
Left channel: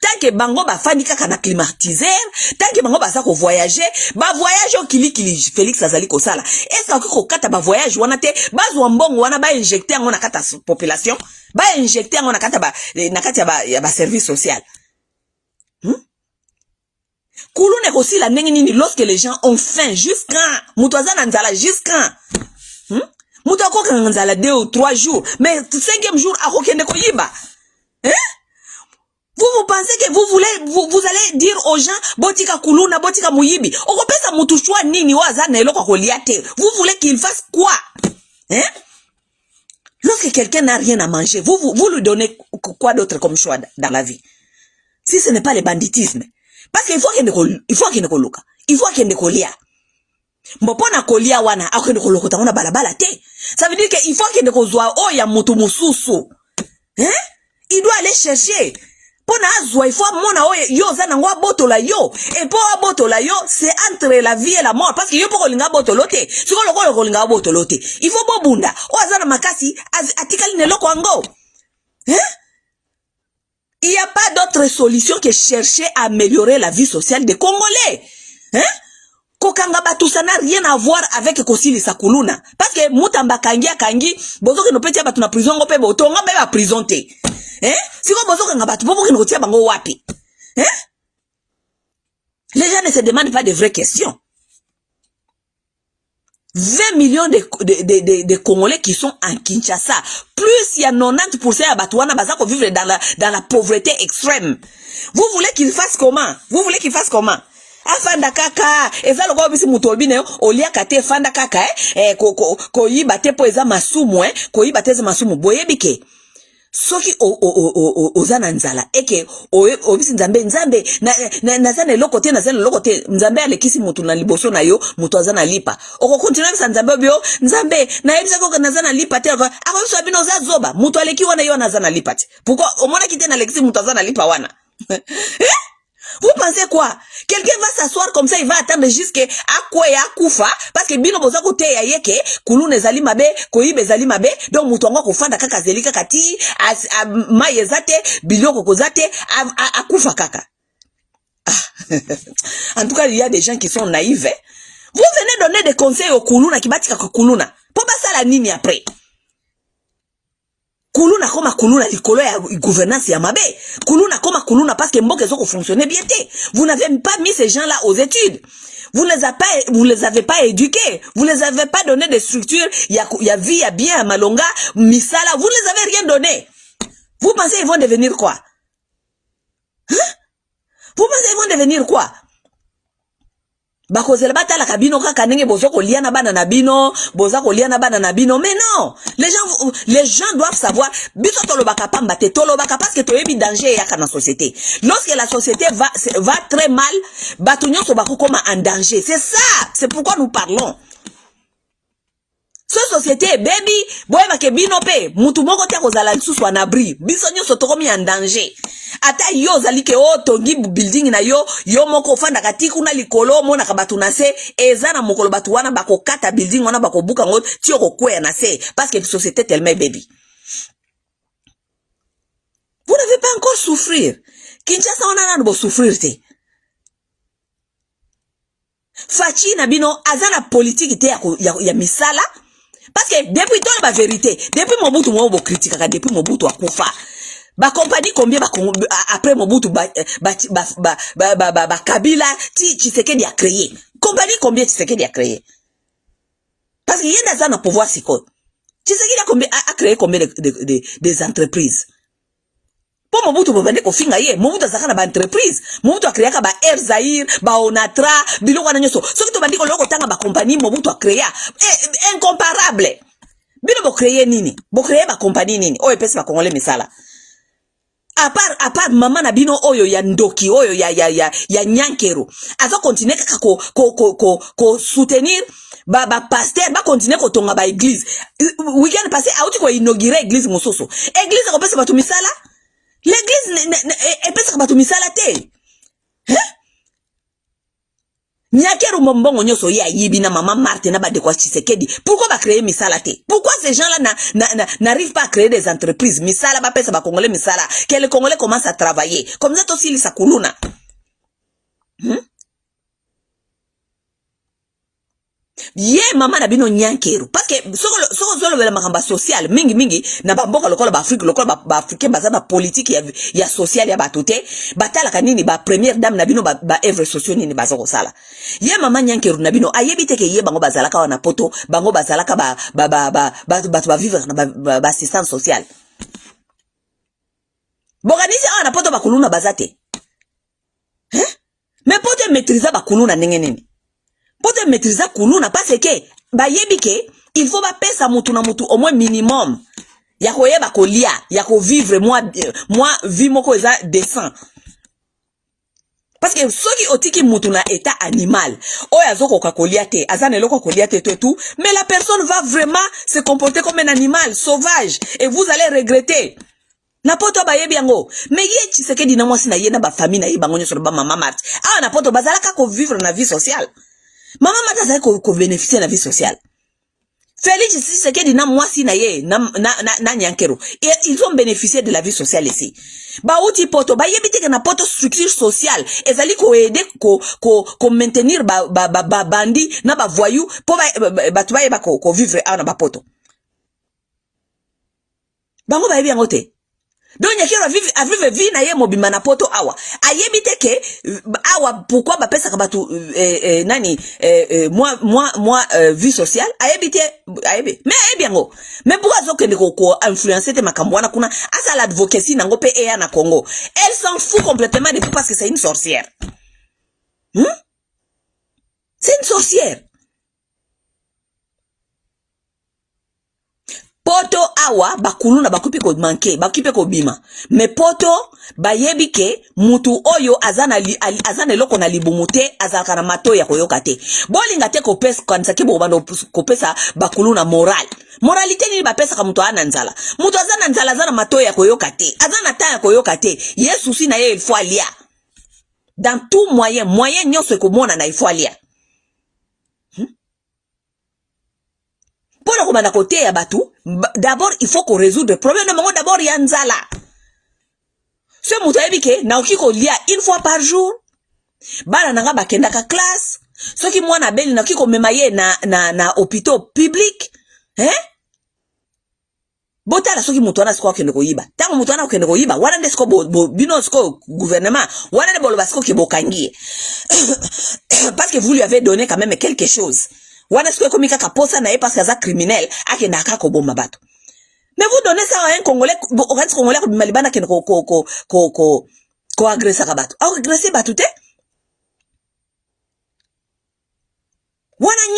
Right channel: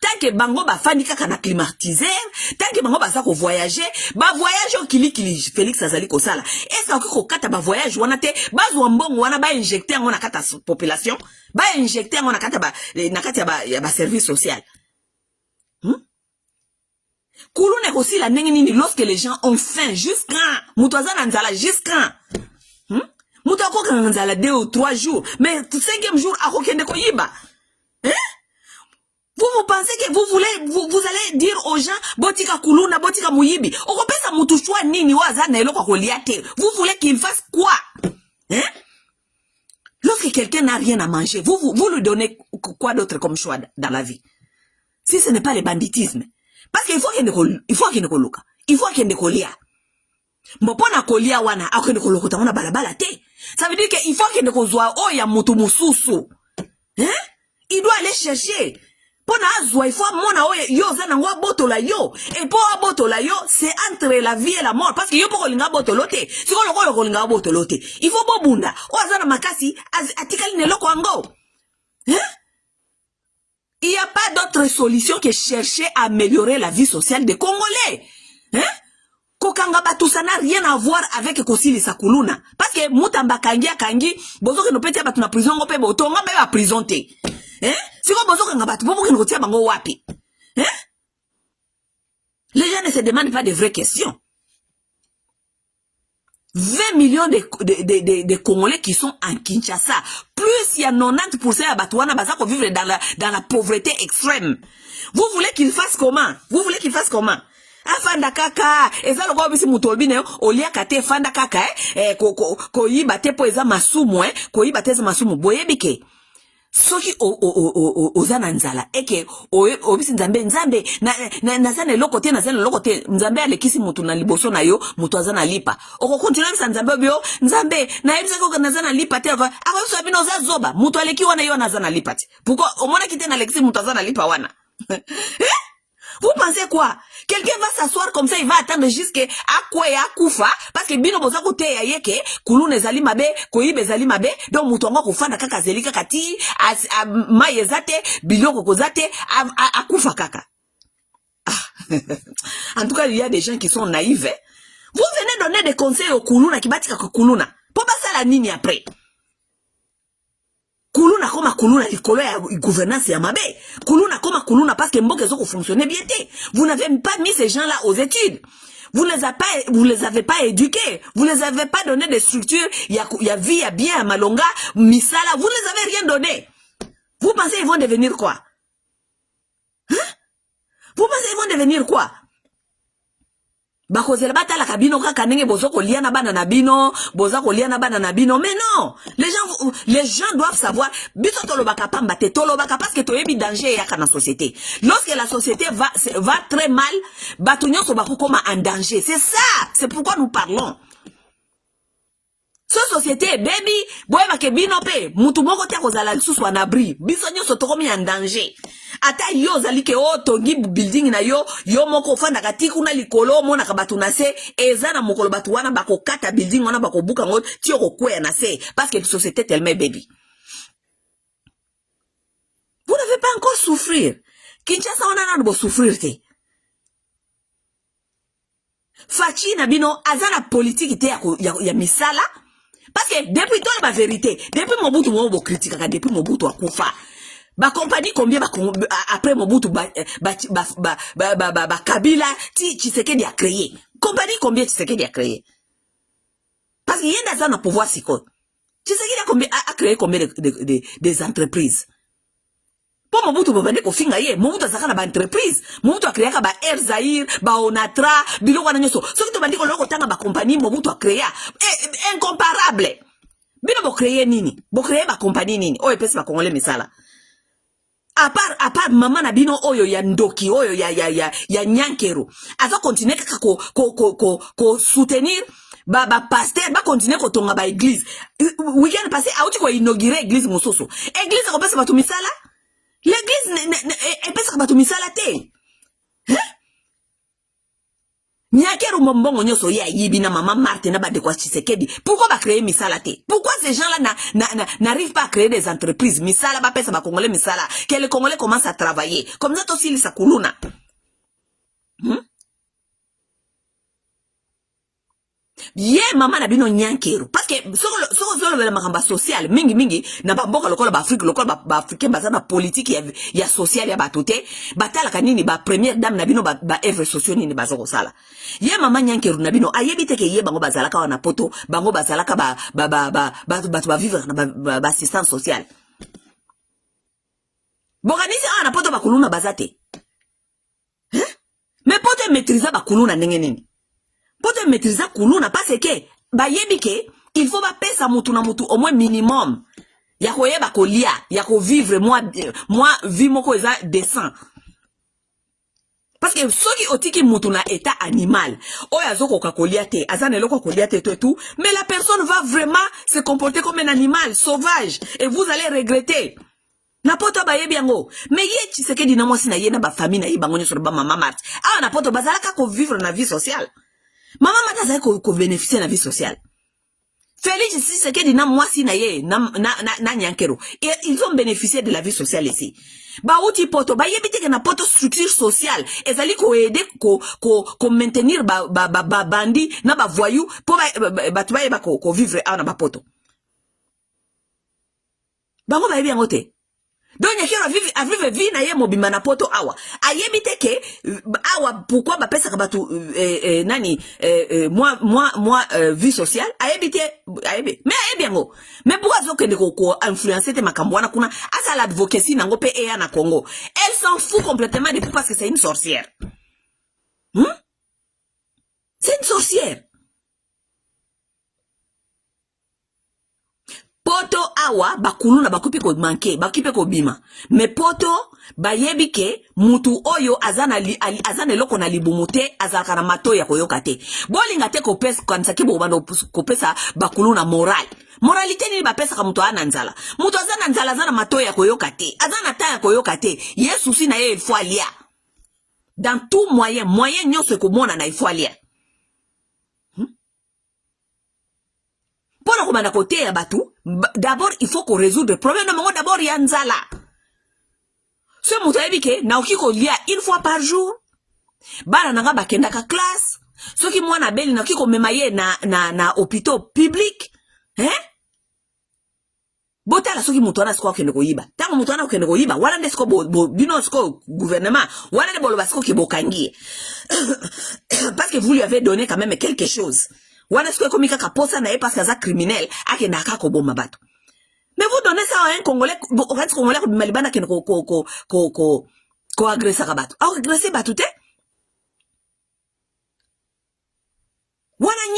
tant que bango bafandi kaka na climatiseur tant que bango baza ko voyager ba voyage au kili Félix azali ko sala est-ce que ko kata ba voyage wana te bazwa mbongo wana ba injecter ngo na kata population ba injecter ngo na kata ba service social kulune ko sila ndenge nini lorsque les gens ont faim jusqu'à mutoza na nzala jusqu'à Mouta ko kanzala 2 ou 3 jours, mais 5e jour à kokende ko yiba. Vous pensez que vous allez dire aux gens botika kuluna botika muyibi. Okopesa mutu chwa nini waza na eloko koliate. Vous voulez qu'il fasse quoi? Lorsque quelqu'un n'a rien à manger, vous lui donnez quoi d'autre comme choix dans la vie? Si ce n'est pas le banditisme. Parce qu'il faut qu'il ne koluka. Il faut qu'il ne kolia. Mbopona kolia wana akende kolokota wana balabala te. Ça veut dire qu'il faut qu'il ne kozwa o ya mutu mususu. Il doit aller chercher. Pona azwa il faut mona o yo zana ngwa botola yo. Et pour botola yo, c'est entre la vie et la mort parce que yo pour kolinga botolote. Si ko kolinga botolote, il faut bobunda. O zana makasi atikali ne loko ngo. Il n'y a pas d'autre solution que chercher à améliorer la vie sociale des Congolais. Kokanga batu ça n'a rien à voir avec Kosili Sakuluna. Parce que Moutamba kangi, bozo que no peti batu na prison ngope boto ngope ba prison te. Si ko bozo kanga batu bobo que no tia bango wapi. Les gens ne se demandent pas de vraies questions. 20 millions de Congolais qui sont en Kinshasa. Plus il y a 90% à Batouana Bazako vivre dans la pauvreté extrême. Vous voulez qu'ils fassent comment? Afanda kaka eza loko bisi mutobine olia kate fanda kaka ko yiba te po eza masumu ko yiba te eza masumu boyebike soki ozana nzala eke obisi nzambe na zana lokote nzambe alekisi mutu na liboso na yo mutu azana lipa oko continue bisa nzambe bio nzambe na yebisa ko na zana lipa te ako so bino za zoba mutu aleki wana yo na zana lipa te pourquoi omona kite na lekisi mutu azana lipa wana Vous pensez quoi? Quelqu'un va s'asseoir comme ça, il va attendre jusqu'à quoi ya kufa parce que bino boza ko te ya yeke kulune zali mabe koyibe zali mabe donc mutonga ko fanda kaka zelika kati mayezate biloko kozate akufa kaka. En tout cas, il y a des gens qui sont naïfs. Vous venez donner des conseils au kuluna qui batika ko kuluna. Pour pas ça la nini après. Kuluna koma kuluna likolo ya gouvernance ya mabe. Kuluna koma kuluna parce que mboke zoko fonctionner bien te. Vous n'avez pas mis ces gens-là aux études. Vous les avez pas éduqués. Vous les avez pas donné des structures. Il y a vie, il y a bien, à Malonga, Misala. Vous les avez rien donné. Vous pensez qu'ils vont devenir quoi? Vous pensez qu'ils vont devenir quoi? bakozela batala kabino kaka ndenge bozoko liana bana na bino, bozako liana bana na bino. Mais non, les gens doivent savoir biso tolobaka pamba te tolobaka parce que toyebi danger yaka na société. Lorsque la société va très mal, bato nyonso bakokoma en danger. C'est ça, c'est pourquoi nous parlons. Cette société, baby, boy bake bino pe, mutu moko te kozala lisusu en abri. Biso nyonso tokomi en danger. Ata yo zali ke o tongi building na yo moko fanda katiku na likolo mona ka batu na se, eza na mokolo batu wana bako kata building wana bako buka ngot ti ko kwea na se parce que la société tellement baby. Vous n'avez pas encore souffrir. Kinshasa on a bo souffrir te. Fachi na bino azana politique te ya misala. Parce que depuis toute la vérité, depuis Mobutu mo bo critique depuis Mobutu akufa. Ba compagnie combien après Mobutu Kabila Tshisekedi a créé. Compagnie combien Tshisekedi a créé. Parce qu'il y a dans un pouvoir siko. Tshisekedi a créé combien des entreprises. Pour Mobutu bobande ko finga ye, Mobutu azaka ba entreprise, Mobutu a créé ba Air Zaïre, ba Onatra, biloko na nyoso. Ce qui to bandi ko loko tanga ba compagnie Mobutu a créé incomparable. Bino bo créer nini? Bo créer ba compagnie nini? Oyo pesa ba Congolais misala. À part maman na bino oyo ya ndoki oyo ya nyankero. Aza continuer kaka ko soutenir ba pasteur ba continuer ko tonga ba église. Weekend passé auti ko inaugurer église mososo. Église ko pesa ba to misala? L'église est pas comme misala te. Hein? Nyakeru mombongo nyoso ya yibi na maman Marthe na ba de kwa Tshisekedi. Pourquoi ba créer misala te? Pourquoi ces gens-là n'arrivent pas à créer des entreprises? Misala ba pesa ba Congolais misala. Que les Congolais commencent à travailler. Comme ça aussi les sakuluna. Ye mama na bino nyankeru parce que soko zolo vela makamba social mingi na bamboka lokola ba Afrique lokola ba africain bazana politique ya social ya batote batala kanini ba première dame na bino ba œuvre sociale ni bazoko sala ye mama nyankeru na bino ayebite ke ye bango bazalaka wana poto bango bazalaka ba vivre na ba assistance sociale boganisi ana poto bakuluna bazate hein mais poto maîtriser bakuluna ndenge nini Pote maîtriser kuluna parce que ba yebike il faut ba pesa mutu na mutu au moins minimum ya koyeba kolia ya ko vivre moi vie moko eza décent parce que soki otiki mutu na état animal oya zoko kolia te azana eloko kolia te tout mais la personne va vraiment se comporter comme un animal sauvage et vous allez regretter na poto ba yebi yango mais ye Tshisekedi na mwasi na ye na ba famille na ye bango nyoso ba mama Marthe na poto bazalaka ko vivre na vie sociale. Maman mata ko bénéficier de la vie sociale. Félix Tshisekedi na mwasi na ye na nyankero. Ils ont bénéficié de la vie sociale ici. Ba uti poto ba yebite na poto structure sociale ezali ko aider ko maintenir ba bandi na ba voyou po ba tuba yeba ko vivre na ba poto. Bango ba yebi yango te. Donc nyakero a vivre vie na ye mobima na poto awa ayebite ke awa pourquoi ba pesa ka batu nani moi vie sociale ayebite ayebe mais ayebiango mais pourquoi zokende ko influencer te makambo wana kuna asa l'advocacy nango pe eya na Congo elle s'en fout complètement depuis parce que c'est une sorcière c'est une sorcière. Poto awa bakuluna bakupi ko manke bakipe ko bima mais poto bayebi ke mutu oyo azana eloko na libumute azaka na mato ya koyoka te bolinga te ko pesa kanisa ke bobando ko pesa bakuluna moralité ni ba pesa ka mutu ana nzala mutu azana nzala azana mato ya koyoka te azana ta ya koyoka te Yesu si na ye il faut alia dans tout moyen nyonso ko mona na il faut alia pour komanda côté ya batu d'abord il faut qu'on résoudre le problème de monde d'abord yanzala ce mutu ayebike na okiko lia une fois par jour bana nanga bakenda ka classe soki mwana beli na okiko mema ye na hôpital public botala soki mutu wana siko kende ko yiba tango mutu wana kende ko yiba wana ndesiko bino siko gouvernement wana ne boloba siko ke bokangie parce que vous lui avez donné quand même quelque chose. Wana siko komika kaposa na ye parce que za criminel akenda akako bomba bato. Mais vous donnez ça à un Congolais, au Congolais comme Malibana qui ko agresse ka bato. Agresse bato te.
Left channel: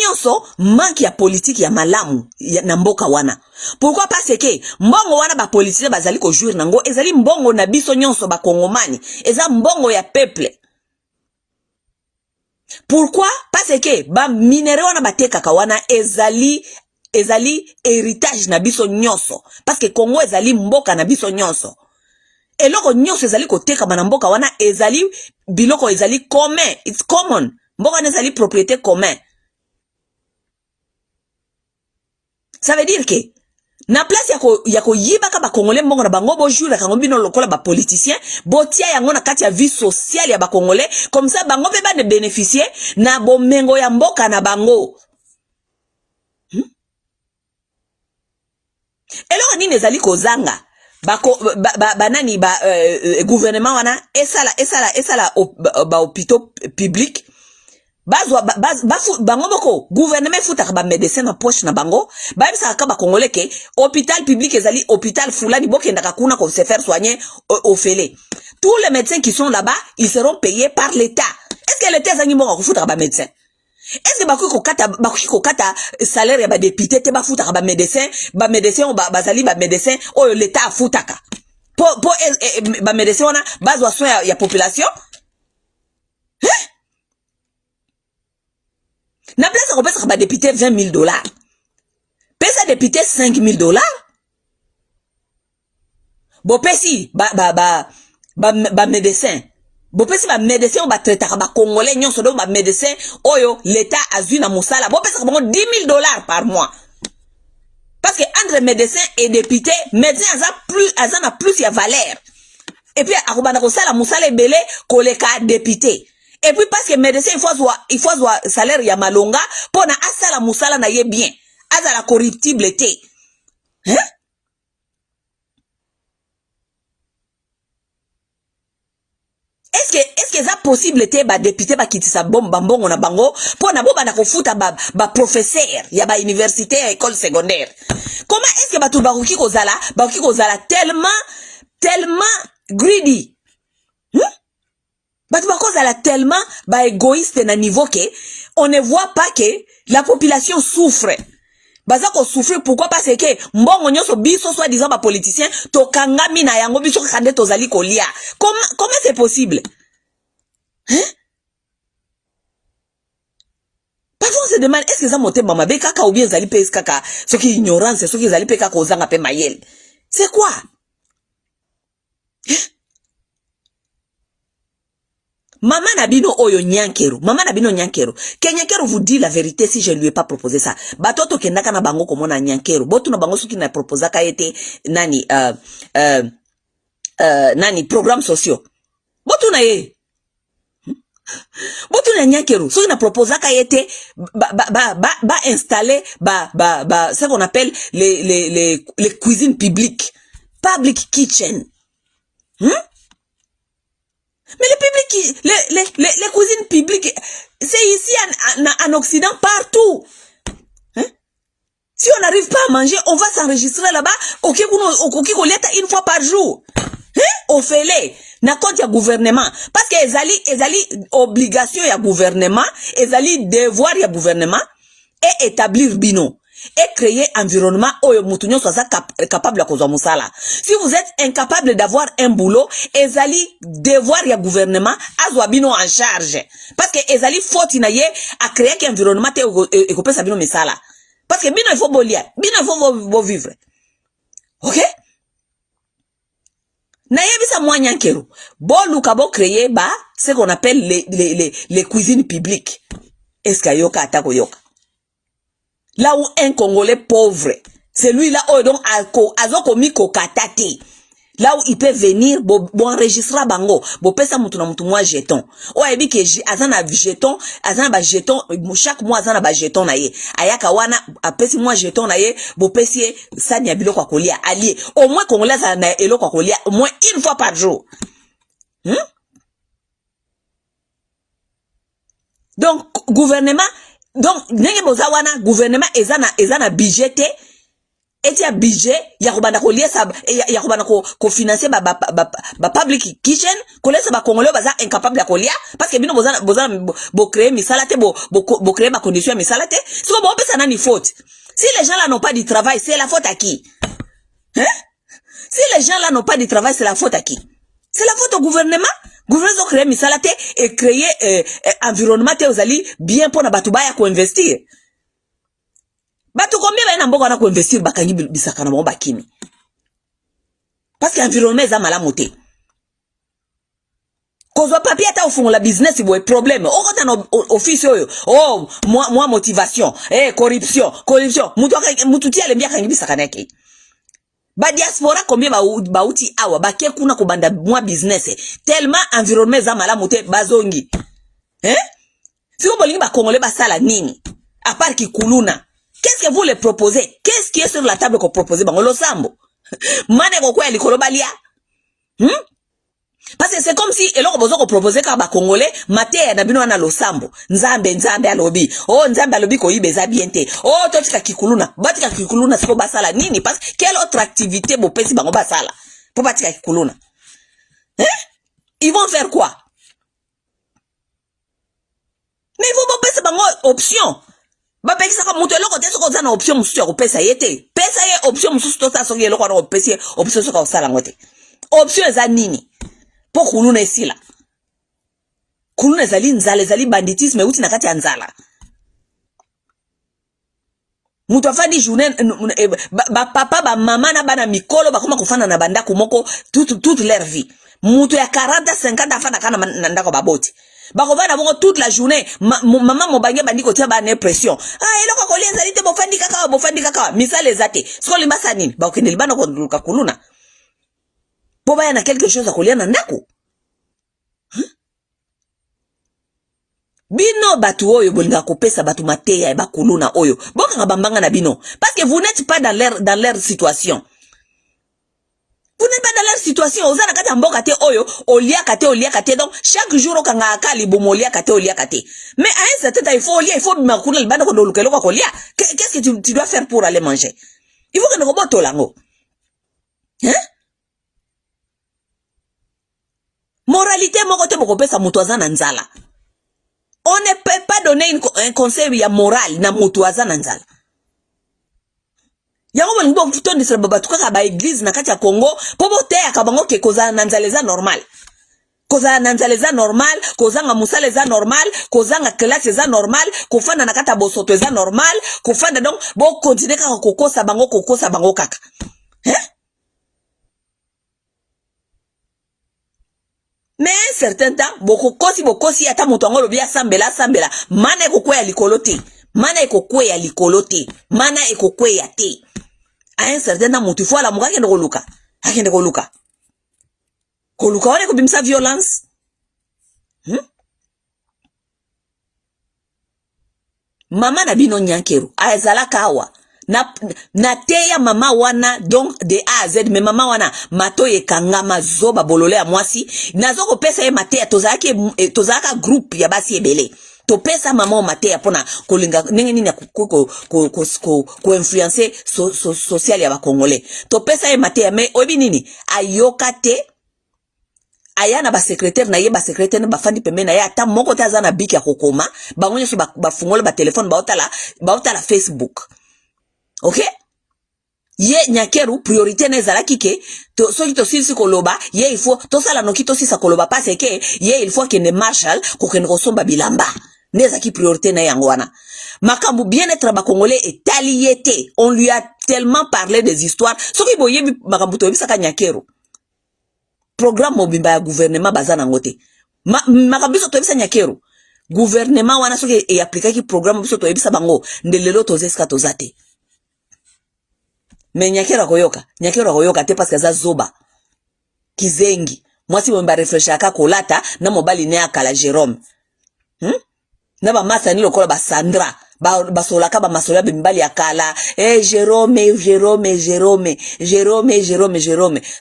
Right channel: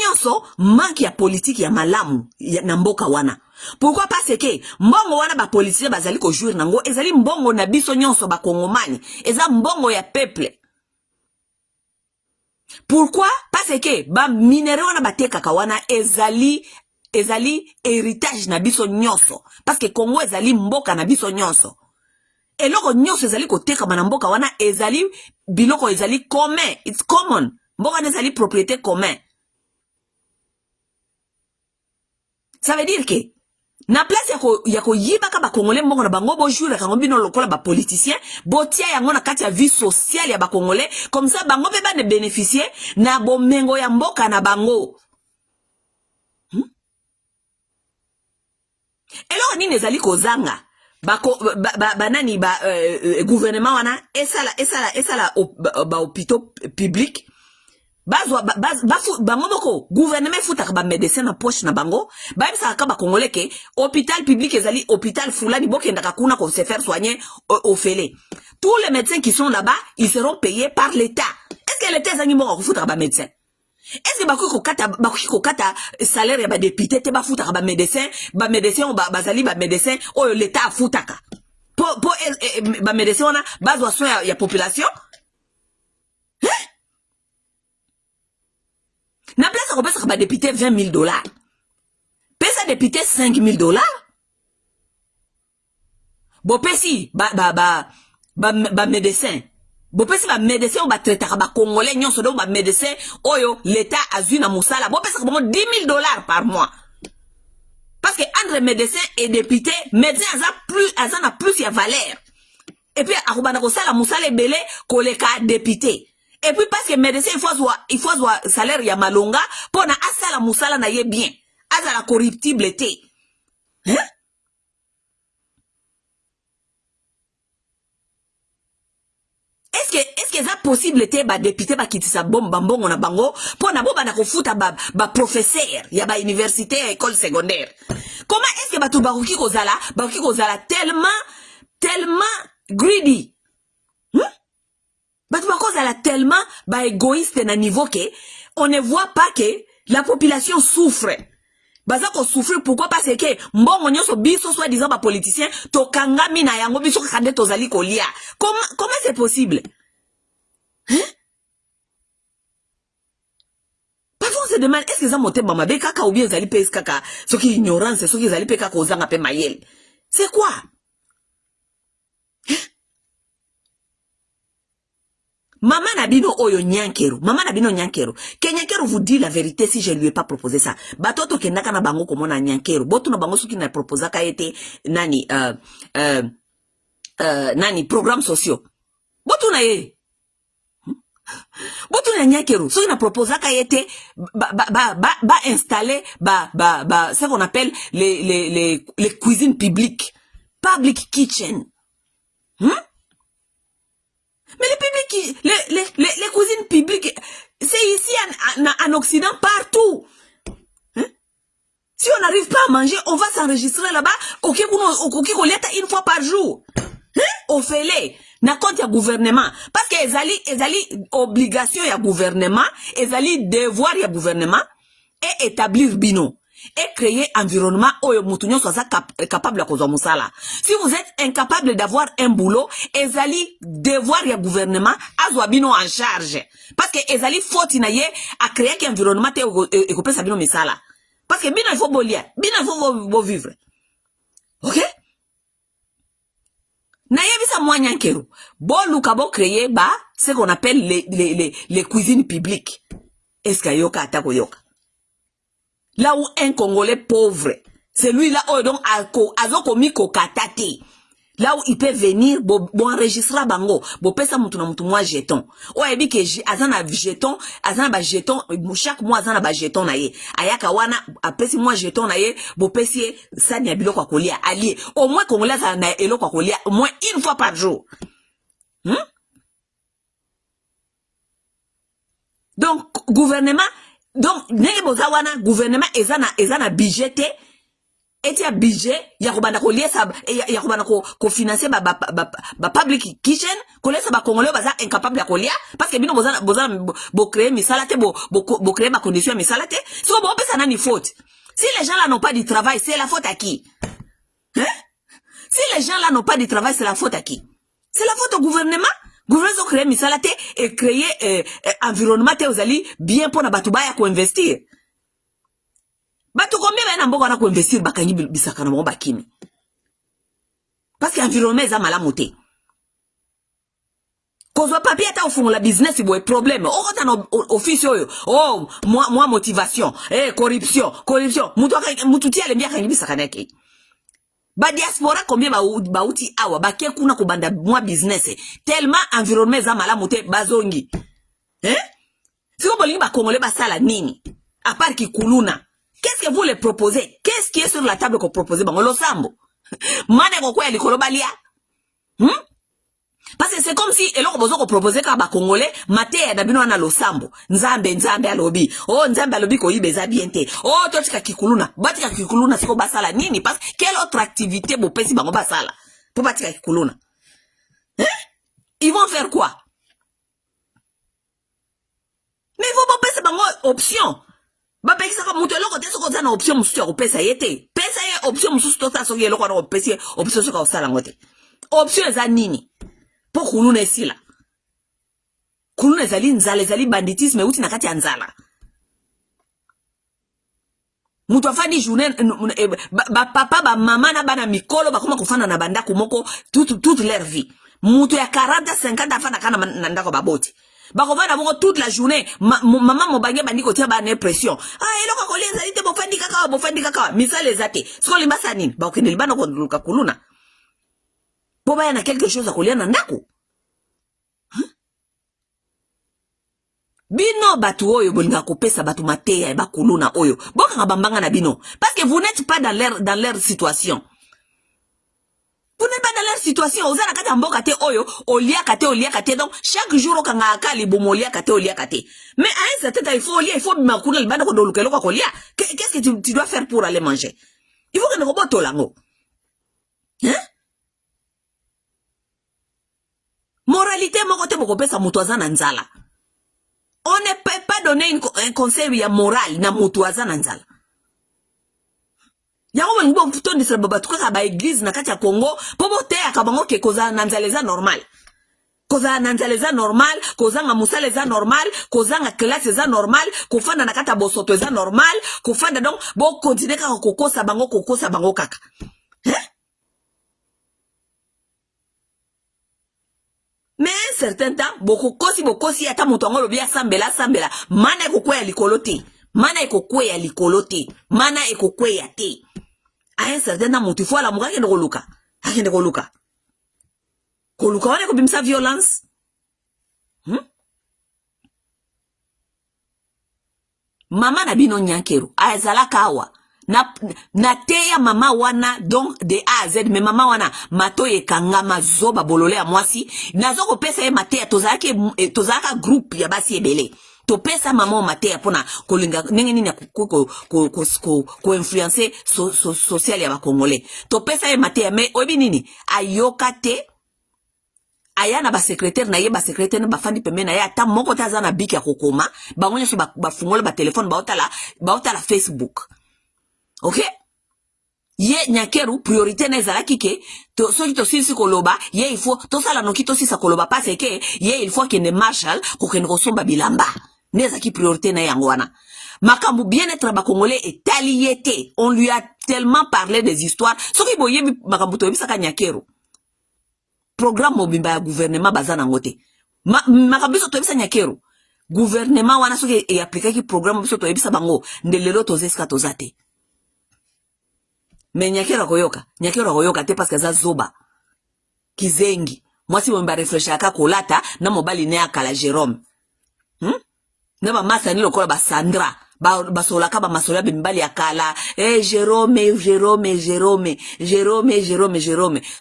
nyonso manque ya politique ya malamu na mboka wana. Pourquoi? Parce que mbongo wana ba politique bazali ko jouer nango ezali mbongo na biso nyonso ba kongomani, eza mbongo ya peuple. Pourquoi? Parce que ba minere wana batekaka wana ezali héritage na biso nyonso. Parce que Congo ezali mboka na biso nyonso. Eloko nyonso ezali koteka na mboka wana ezali biloko ezali commun, it's common. Mboka wana ezali propriété commun. Ça veut dire que na place ya ko yibaka ba congolais mbongo na bango bojura kango bino lokola ba politicien botia yango na kati ya vie sociale ya ba congolais, comme ça bango pe ba de bénéficier na bomengo ya mboka na bango. Eloko nini ezali kozanga banani gouvernement wana esala ba hôpitaux publics bango boko gouvernement futaka ba médecin na poche na bango ba bisa ka ba congolais ke hôpital public ezali hôpital fulani bokendaka kuna ko se faire soigner au félé. Tous les médecins qui sont là-bas, ils seront payés par l'État. Est-ce que l'État ezangi mbongo kufutaka ba médecin? Est-ce que bakoki kokata salaire ya ba député te ba futaka ba médecin o bazali ba médecin oyo l'État afutaka po ba médecin wana bazwa soin ya population? Na place ko pesa ba député $20,000. Pesa député $5,000. Bo pesi ba médecin. Bo pesi ba médecin ba traitaka ba congolais nyonso do ba médecin oyo l'état azui na musala. Bo pesa ko $10,000 par mois. Parce que entre médecin et député, médecin azana plus ya valeur. Et puis akobana ko sala musala ebele koleka député. Et puis parce que médecin il faut voir salaire ya malonga pona asala musala na ye bien. Azala corruptible te. Hein? Est-ce que ça possible te ba député ba kitisa bomba mbongo na bango pona boba na kofuta ba professeur ya ba université ya école secondaire? Comment est-ce que bakoki kozala tellement greedy? Batu bakozala tellement égoïste na niveau que on ne voit pas que la population souffre. Baza ko souffrir pourquoi? Parce que mbongo nyonso biso soit disant ba politicien to kangami na yango biso kande tozali kolia. Comment c'est possible? Hein? Parfois on se demande est-ce que ça monte mama be kaka ou bien zali pe kaka ce qui ignorance ce qui zali pe kaka ozanga pe mayel. C'est quoi? Hein? Maman Nabino Oyo Nyankero. Maman Nabino Nyankero. Nyankero vous dit la vérité si je lui ai pas proposé ça. Batoto kendaka na bango comme na Nyankero. Botu na bango qui na proposé ka été nani programmes sociaux. Botu na ye. Botu na Nyankero. Ce qui na proposé ka été installer ce qu'on appelle les cuisines publiques. Public kitchen. Mais les cuisines publiques, c'est ici en Occident, partout. Hein? Si on n'arrive pas à manger, on va s'enregistrer là-bas, au une fois par jour. Hein? On fait les. Na compte ya gouvernement. Parce que ezali obligation ya gouvernement, ezali devoir ya gouvernement, et établir bino. Et créer environnement où mutunyo soit capable de causer musala. Si vous êtes incapable d'avoir un boulot, ezali devoir ya gouvernement azwa bino en charge. Parce que ezali faute na ye à créer un environnement et couper sa bino misala. Parce que bino il faut bolia, bino il faut vivre. OK? Na yebisa mwa Nyankero. Bo lukabo créer ce qu'on appelle les cuisines publiques. Est-ce que yoka atako yoka? Là où un Congolais pauvre, celui-là où donc azoko katate. Là où il peut venir, bon enregistrer bango, bon pesa mutu na mutu moi jeton. O ebi ke azana jeton, chaque mois azana ba jeton na ye. Ayaka wana apesi moi jeton na ye, bo pesi sani ya biloko kolia allié. Au moins Congolais azana eloko kolia au moins une fois par jour. Donc gouvernement donc ndenge bozawana gouvernement ezana budgété etia budget ya kobanda ko liesa ya kobanda ko financer ba public kitchen ko lesa ba congolais baza incapable ya kolia parce que bino boza bo créer misala te bo créer ba condition misala te so bo pesa nani faute si les gens là n'ont pas de travail c'est la faute à qui hein si les gens là n'ont pas de travail c'est la faute à qui c'est la faute au gouvernement gouvernement créer misala te et créer environnement te ozali bien pour na batuba ya ko investir. Batu combien ba na mboka na ko investir bakangi bisaka na mo bakimi. Parce que environnement za malamu te. Kozwa papier ata ofungola business boy problème. Okota na office oyo. Oh, moi motivation, corruption. Mutu ti ale mbia kangi bisaka na ke. Ba diaspora combien ba uti awa bake kuna ko banda moi business tellement environnement za malamu te bazongi. Siko bolingi ba congolais basala nini? À part ki kuluna. Qu'est-ce que vous les proposez? Qu'est-ce qui est sur la table qu'on propose? Bango lo sambo. Mane ko kwa likolo balia. Parce que c'est comme si eloko bozo ko proposer ka ba congolais mate na bino na lo sambo. Nzambe alobi. Oh nzambe alobi ko yibeza biente. Oh totika kikuluna. Batika kikuluna siko basala nini? Parce que quelle autre activité bo pesi bango basala? Pour batika kikuluna. Ils vont faire quoi? Mais ils vont pesi bango option. Ba pekisa ka mutu eloko te soko za na option mususu ya kopesa yete. Pesa ye option mususu to sa soki eloko na kopesa option soka osala ngote. Option za nini? Po kuluna esila. Kuluna zali banditisme uti na kati ya nzala. Mutu afandi journée ba papa ba mama na bana mikolo bakoma kufana na bandako moko toute leur vie. Mutu ya 40 50 afana kana na ndako baboti. Bakovana bongo toute la journée maman mobange bandi ko tia ba na pression eloko ko lienza lite bofandi kaka misale zate siko limbasa nini ba okende libana ko nduluka kuluna po ba na quelque chose a kolia na ndako bino batu oyo bolinga kopesa batu mateya e ba kuluna oyo boka bambanga na bino parce que vous n'êtes pas dans leur situation. Vous n'êtes pas dans leur situation. Oza na kata mboka te oyo, olia kate. Donc, chaque jour, okanga akali bomolia kate. Mais à un certain temps, il faut makuna le bana kondo lukelo kwa lia. Qu'est-ce que tu dois faire pour aller manger? Il faut que nous roboto lango. Moralité, mokote mokopesa mutuaza na nzala. On ne peut pas donner un conseil ya moral na mutuaza na nzala. Yango bango futon de baba tuka ba église na kati ya Congo pobo te akabango ke koza nanzaleza normal. Koza nanzaleza normal, koza nga musaleza normal, koza nga classe za normal, kofanda na kata bosoto za normal, kofanda donc bo continuer ka kokosa bango kaka. Mais un certain temps bokosi ata mutu ngolo bia sambela mana ekokwe ya likolote. Mana ekokwe ya te. À un certain temps, mutu fwa la muka kende koluka. Akende koluka. Koluka wane kubimsa violence. Mama na bino nyankeru. Aezala kawa. Na teya mama wana donc de A à Z. Mais mama wana matoye kangama zoba bolole ya mwasi. Nazoko pesa ye mateya tozaka group ya basi ebele. To pesa mama mateya pona kolinga nenge nini ko influencer social ya ba congolais. To pesa ye mateya mais obi nini ayoka te ayana ba secrétaire na ye ba secrétaire na ba fandi pembe na ye ata moko taza na biki ya kokoma bango nyoso ba fungola ba téléphone ba otala Facebook. OK? Ye nyakeru priorité nezala kike to soki to sisi koloba ye il faut to sala noki to sisa koloba parce que ye il faut que ne marshal ko ken ko somba bilamba neza ki priorité na yango wana makambu bien-être ba congolais est aliété. On lui a tellement parlé des histoires soki boye makambu to bisaka nyakeru programme mobimba ya gouvernement bazana ngote makambu so to bisa nyakeru gouvernement wana soki e appliquer ki programme biso to bisa bango ndelelo to zeska to zate. Mais nyakera koyoka te parce que za zoba kizengi mwasi mwemba réfléchir aka kolata na mobali ne akala Jérôme na ba masa ni lokola ba Sandra ba solaka ba masoya bimbali akala Jérôme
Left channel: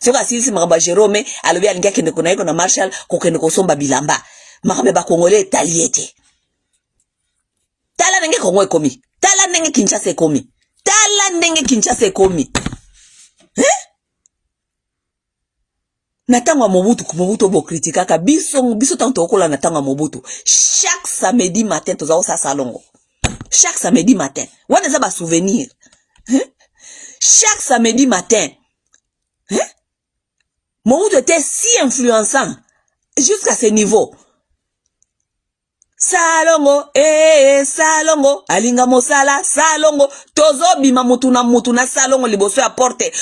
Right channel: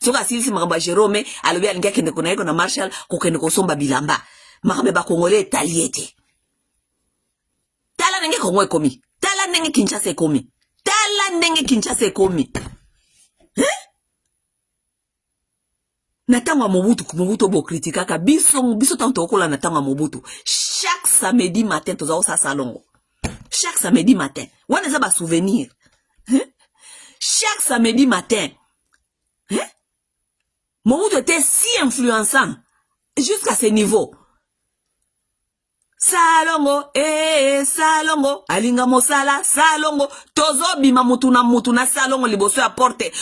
c'est quoi si makamba Jérôme alobi alinga kende kuna iko na Marshall ko kende ko somba bilamba makambe ba congolais taliete tala nenge Kongo ekomi tala nenge Kinshasa ekomi tala ndenge Kinshasa ekomi. Natangwa Mobutu bo kritikaka biso tanto okola natangwa Mobutu. Chaque samedi matin tozao sa salongo. Chaque samedi matin. Wana za ba souvenir. Chaque samedi matin. Mobutu était si influençant jusqu'à ce niveau. Salongo, salongo, alinga mosala, salongo, tozo bima mutuna salongo liboso ya porte,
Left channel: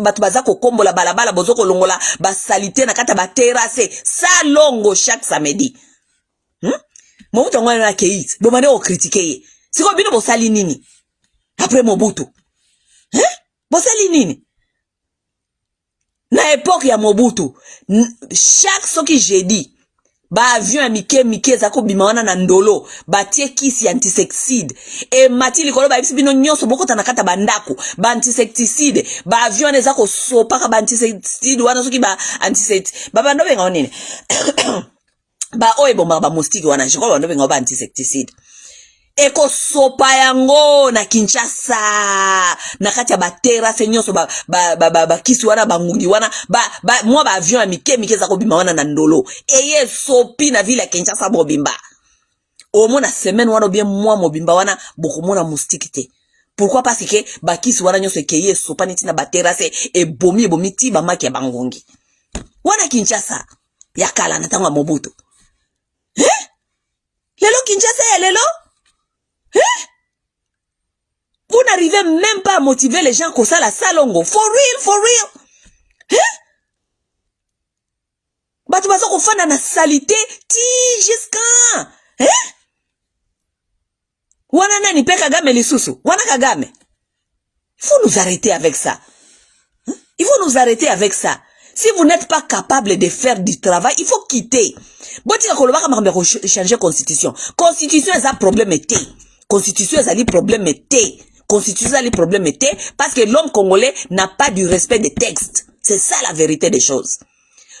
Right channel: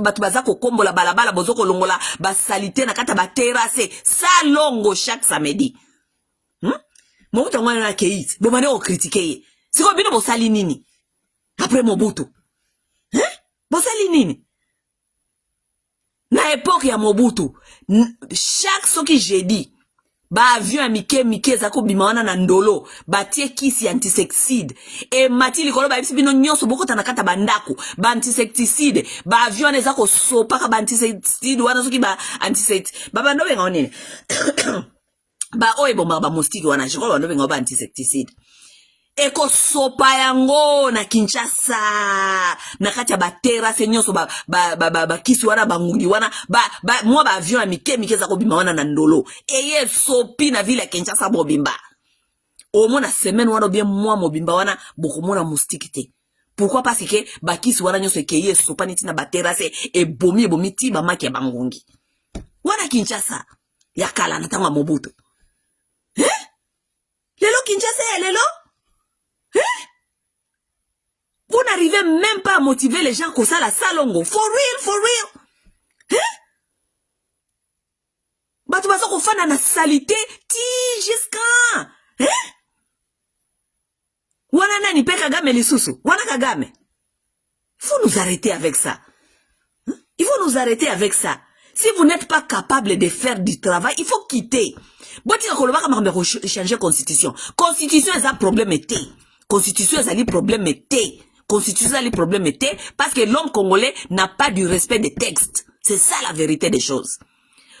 batu bazako kombo la balabala, bozoko longola, basalite na kata ba terrasse, salongo chaque samedi. Mobutu ngwana na keis, bomane o critiquer ye. Siko bino bosali nini? Après Mobutu. Bosali nini? Na époque ya Mobutu, chaque soki jeudi, ba avion ya mike zako bimawana na ndolo batie kisi antisexide e mati likolo ba bino nyonso boko tanakata bandako ba antisexide ba avion ezako sopa ba antisexide wana soki ba antisexide baba ndo benga onene ba oebo ba mustiki wana jiko ba ndo benga ba antisexide eko sopa yango na Kinshasa na kati ya batera se nyonso ba kisi wana bangungi wana mwa ba avion ya mike zako bima wana na ndolo eye sopi na ville ya Kinshasa bobimba omona semaine wana bien mwa mobimba wana bokomona mustiki te. Pourquoi? Parce que ba kisi wana nyonso ekeye sopa niti na batera se ebomi ti ba maki ya bangungi wana Kinshasa ya kala na tanga Mobutu. Lelo Kinshasa lelo vous n'arrivez même pas à motiver les gens comme ça la salongo. For real. Batu bazo kofana na salité ti jusqu'à. Wana nani pe Kagame lisusu. Wana Kagame. Il faut nous arrêter avec ça. Il faut nous arrêter avec ça. Si vous n'êtes pas capable de faire du travail, il faut quitter. Boti koloba kama changer constitution. Constitution est un problème été. Constitution est un problème été. Constitution est un problème été parce que l'homme congolais n'a pas du respect des textes. C'est ça la vérité des choses.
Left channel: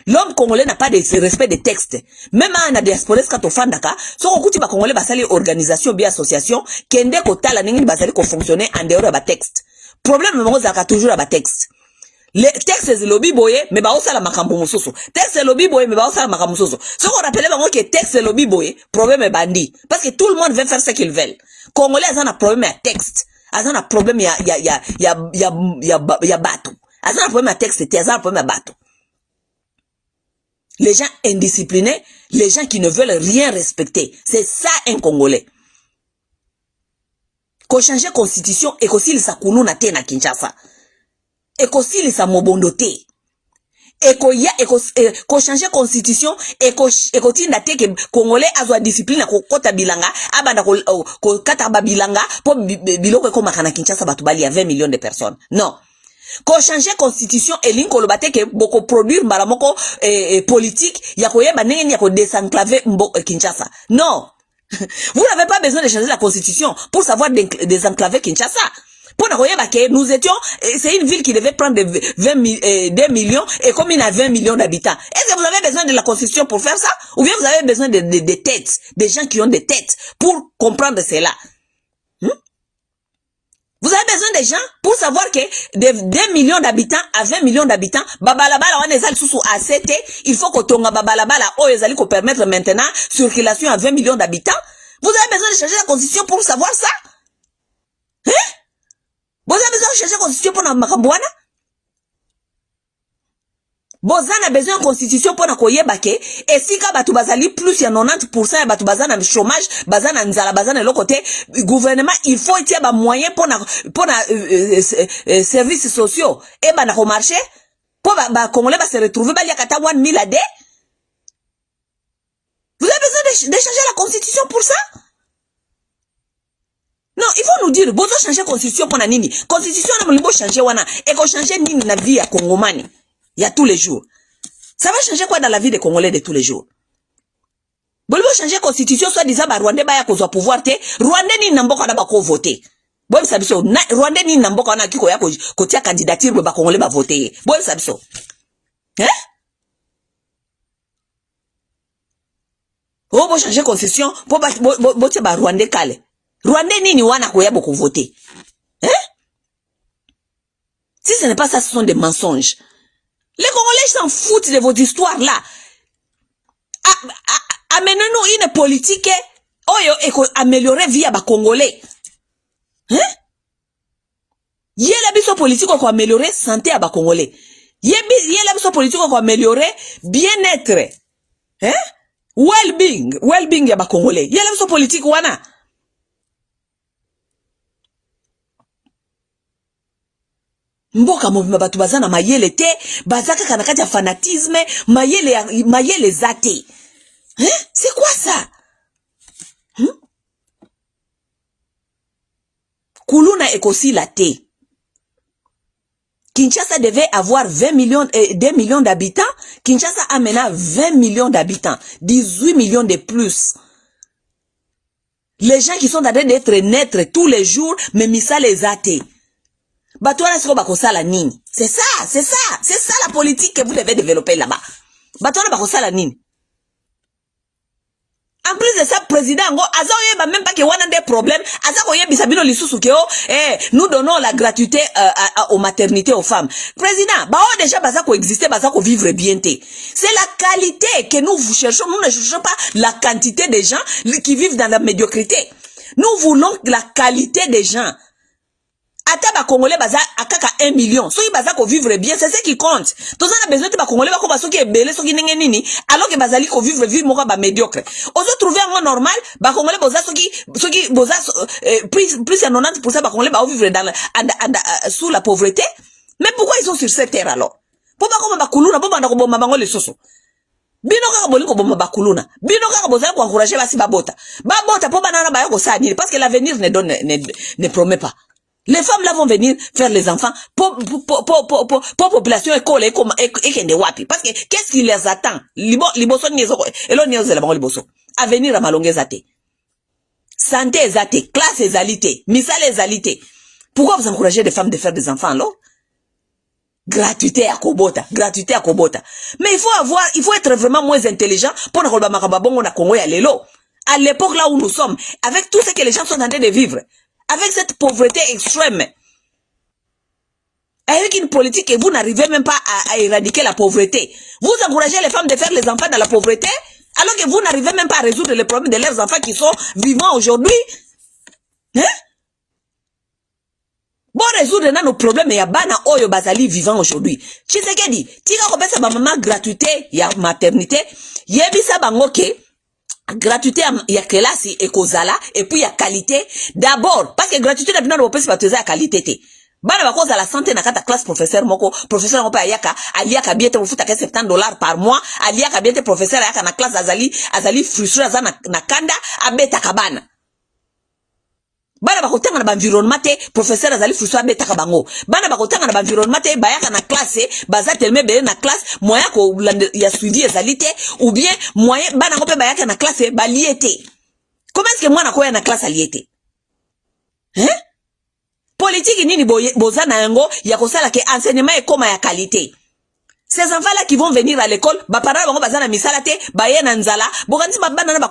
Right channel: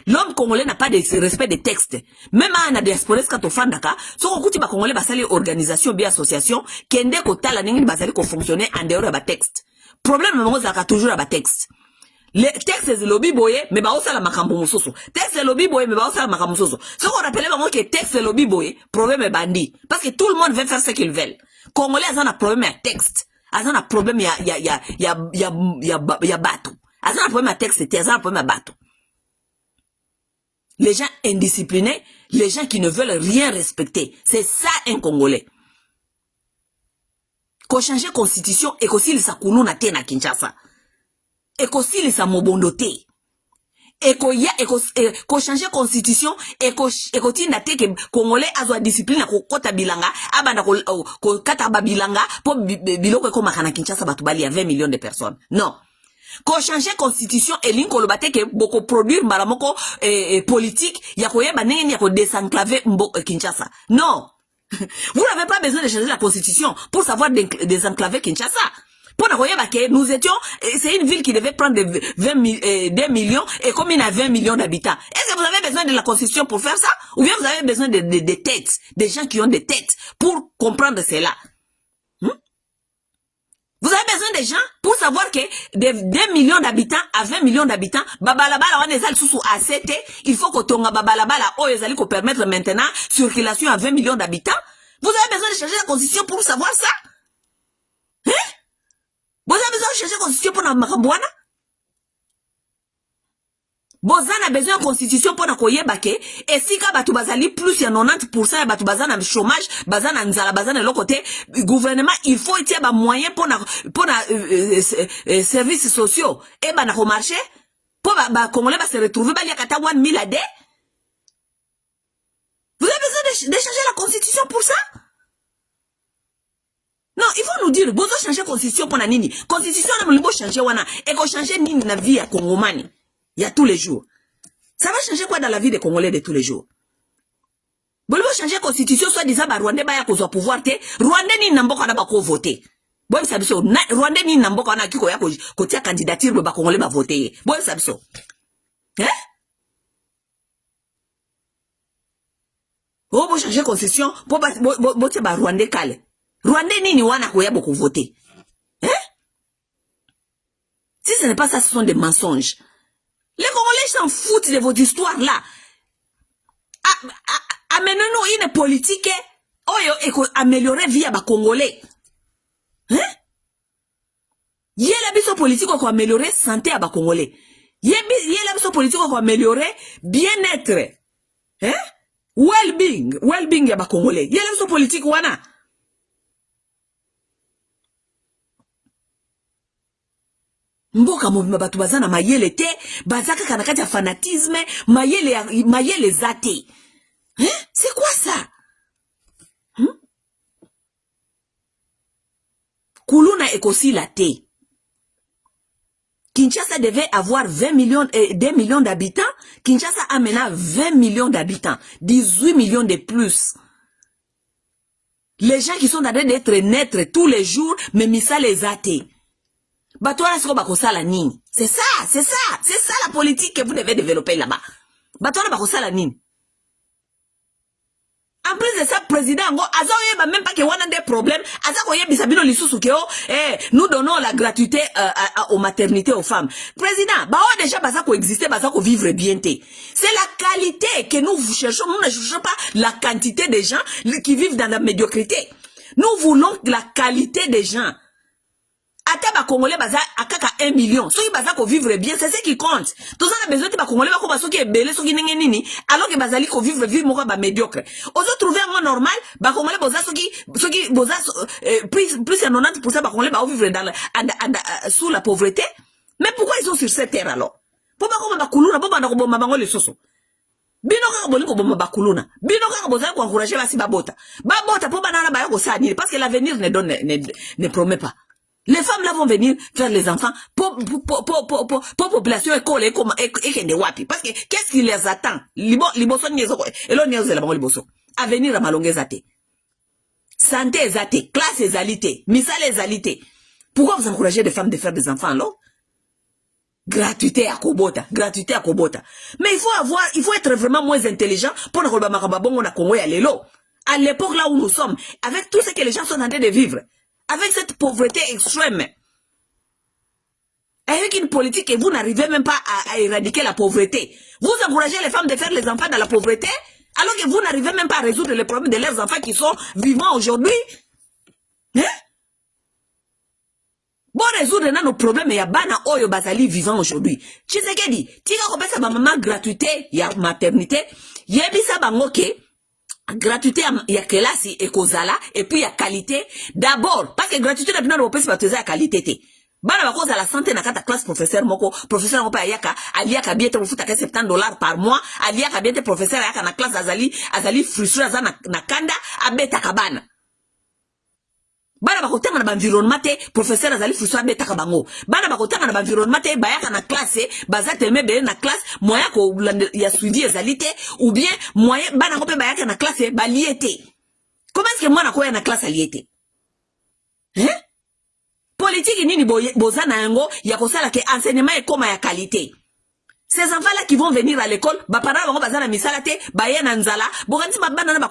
L'homme congolais n'a pas de respect des textes. Même à la diaspora quand on fait daka, so okuti ba congolais basali organisation bien association kende ko tala ningi basali ko fonctionner en dehors de texte. Problème mo zaka toujours ba texte. Les textes c'est lobby boye mais ba osala makambo mususu. Texte c'est lobby boye mais ba osala makambo mususu. Ce qu'on appelle bango que texte c'est lobby boye, problème est bandit parce que tout le monde veut faire ce qu'il veut. Congolais ont un problème à texte. Ils ont un problème ya bateau. Ils ont un problème à texte, ils ont un problème à bateau. Les gens indisciplinés, les gens qui ne veulent rien respecter. C'est ça un Congolais. Qu'on change la constitution et qu'on s'il s'accounou na te na Kinshasa. Et qu'on s'il s'amobondoté. Et qu'on change la constitution et qu'on tinda te que Congolais a la discipline ko kota bilanga abanda ko kata ba bilanga po biloko ko makana Kinshasa batubali ya 20 millions de personnes. Non. Qu'on change la constitution et l'inko lobate que boko produire malamoko politique ya ko yeba nenge ya ko désenclaver Kinshasa. Non. Vous n'avez pas besoin de changer la constitution pour savoir désenclaver Kinshasa. Nous étions, c'est une ville qui devait prendre 2 millions et comme il a 20 millions d'habitants. Est-ce que vous avez besoin de la constitution pour faire ça? Ou bien vous avez besoin de têtes, des gens qui ont des têtes pour comprendre cela? Vous avez besoin des gens pour savoir que de 2 millions d'habitants à 20 millions d'habitants, babalabala wana ezali susu à 7, il faut que tonga babalabala o ezali ko permettre maintenant circulation à 20 millions d'habitants. Vous avez besoin de changer la constitution pour savoir ça? Vous avez besoin de changer la constitution pour Makambouana? Vous avez besoin de constitution pour Nakoyebake. Et si batu bazali plus ya 90% ya batu bazana chômage, bazana nzala, bazana l'autre côté, gouvernement, il faut qu'il y ait moyen pour services sociaux. Et na ko marché, pour Congolais se retrouver, il y a 1 000 AD. Vous avez besoin de changer la constitution pour ça? Non, il faut nous dire, bozo changer constitution pour na nini. Constitution na mlibo changer wana et ko changer nini na vie ya Congomani. Il y a tous les jours. Ça va changer quoi dans la vie des Congolais de tous les jours? Bolbo changer constitution soit disant ba Rwandais ba ya kozwa pouvoir te, Rwandais ni namboka na ba ko voter. Boy sabiso, Rwandais ni namboka na kiko ya ko tia candidature ba Congolais ba voter. Boy sabiso. Bo changer constitution pour ba Rwandais kale. Rwandais nini wana ko ya boko voter. Si ce n'est pas ça, ce sont des mensonges. Les Congolais s'en foutent de vos histoires là. Amenez-nous une politique améliorer vie à Congolais. Hein? Yéla biso politique ko améliorer santé à Congolais. Yéla biso politique ko améliorer bien-être. Hein? Well-being ya Congolais. Yéla biso politique wana. Mboka mobima batu bazana mayele te, bazaka kanakati ya fanatisme, mayele zate. Hein? C'est quoi ça? Kuluna ekosi la te. Kinshasa devait avoir 2 millions d'habitants. Kinshasa a maintenant 20 millions d'habitants. 18 millions de plus. Les gens qui sont en train d'être naître tous les jours, mais misa les athées. C'est ça la politique que vous devez développer là-bas. En plus de ça, président, même pas que on a des problèmes. Nous donnons la gratuité aux maternités aux femmes. Président, déjà exister, vivre bien. C'est la qualité que nous cherchons. Nous ne cherchons pas la quantité de gens qui vivent dans la médiocrité. Nous voulons la qualité des gens. Ata Congolais baza akaka 1 million. Ceux qui baza ko vivre bien, c'est ce qui compte. Tous on a besoin de Congolais ba ko baso qui est belé, ceux qui nini, alors que bazali ko vivre moko ba médiocre. Ozo trouver un normal, ba Congolais boza ceux qui boza plus 90% ba Congolais ba vivre dans sous la pauvreté. Mais pourquoi ils sont sur cette terre alors? Pourquoi comme ba kuluna, pourquoi ba ko bomba bango le soso? Bino kaka boli ko bomba ba kuluna. Bino kaka boza ko encourager ba si babota. Babota po banana ba ko sa parce que l'avenir ne promet pas. Les femmes là vont venir faire les enfants pour population école et kende wapi. Parce que qu'est-ce qui les attend? Liboso nyezo et l'on nyezo la bango liboso. Avenir à malongue zate. Santé zate, classe ezalité, misale ezalité. Pourquoi vous encouragez les femmes de faire des enfants alors? Gratuité à Kobota. Mais il faut être vraiment moins intelligent pour ne pas makababongo na Congo ya lelo. À l'époque là où nous sommes, avec tout ce que les gens sont en train de vivre. Avec cette pauvreté extrême, avec une politique que vous n'arrivez même pas à éradiquer la pauvreté, vous encouragez les femmes de faire les enfants dans la pauvreté, alors que vous n'arrivez même pas à résoudre les problèmes de leurs enfants qui sont vivants aujourd'hui. Hein? Bon, résoudre nos problèmes, il y a bana oyo bazali vivant aujourd'hui. Tu sais qu'elle dit, tika kopesa ba maman gratuité, il y a maternité, yebisa bangoke, gratuité ya kelasi ekozala et puis ya qualité d'abord parce que gratuité na bino bopesi bateza ya qualité te bana bakoza la santé na kata classe professeur moko pa aliaka bien te mufuta ka $70 par mois aliaka bien te professeur ayaka na classe azali frustré azana na kanda abeta kabana bana bakotanga na environnement te professeur azali frustré abeta kabango bana bakotanga na environnement te bayaka na classe baza tellement belle na classe moyen ko ya suivi ezali te ou bien moyen bana ko pe bayaka na classe baliete. Comment est-ce que moi na koya na classe aliete? Hein? Politique nini boza na yango ya kosala ke enseignement e koma ya qualité. Ces enfants là qui vont venir à l'école ba parents bango baza na misala te baye na nzala bokanisi bana na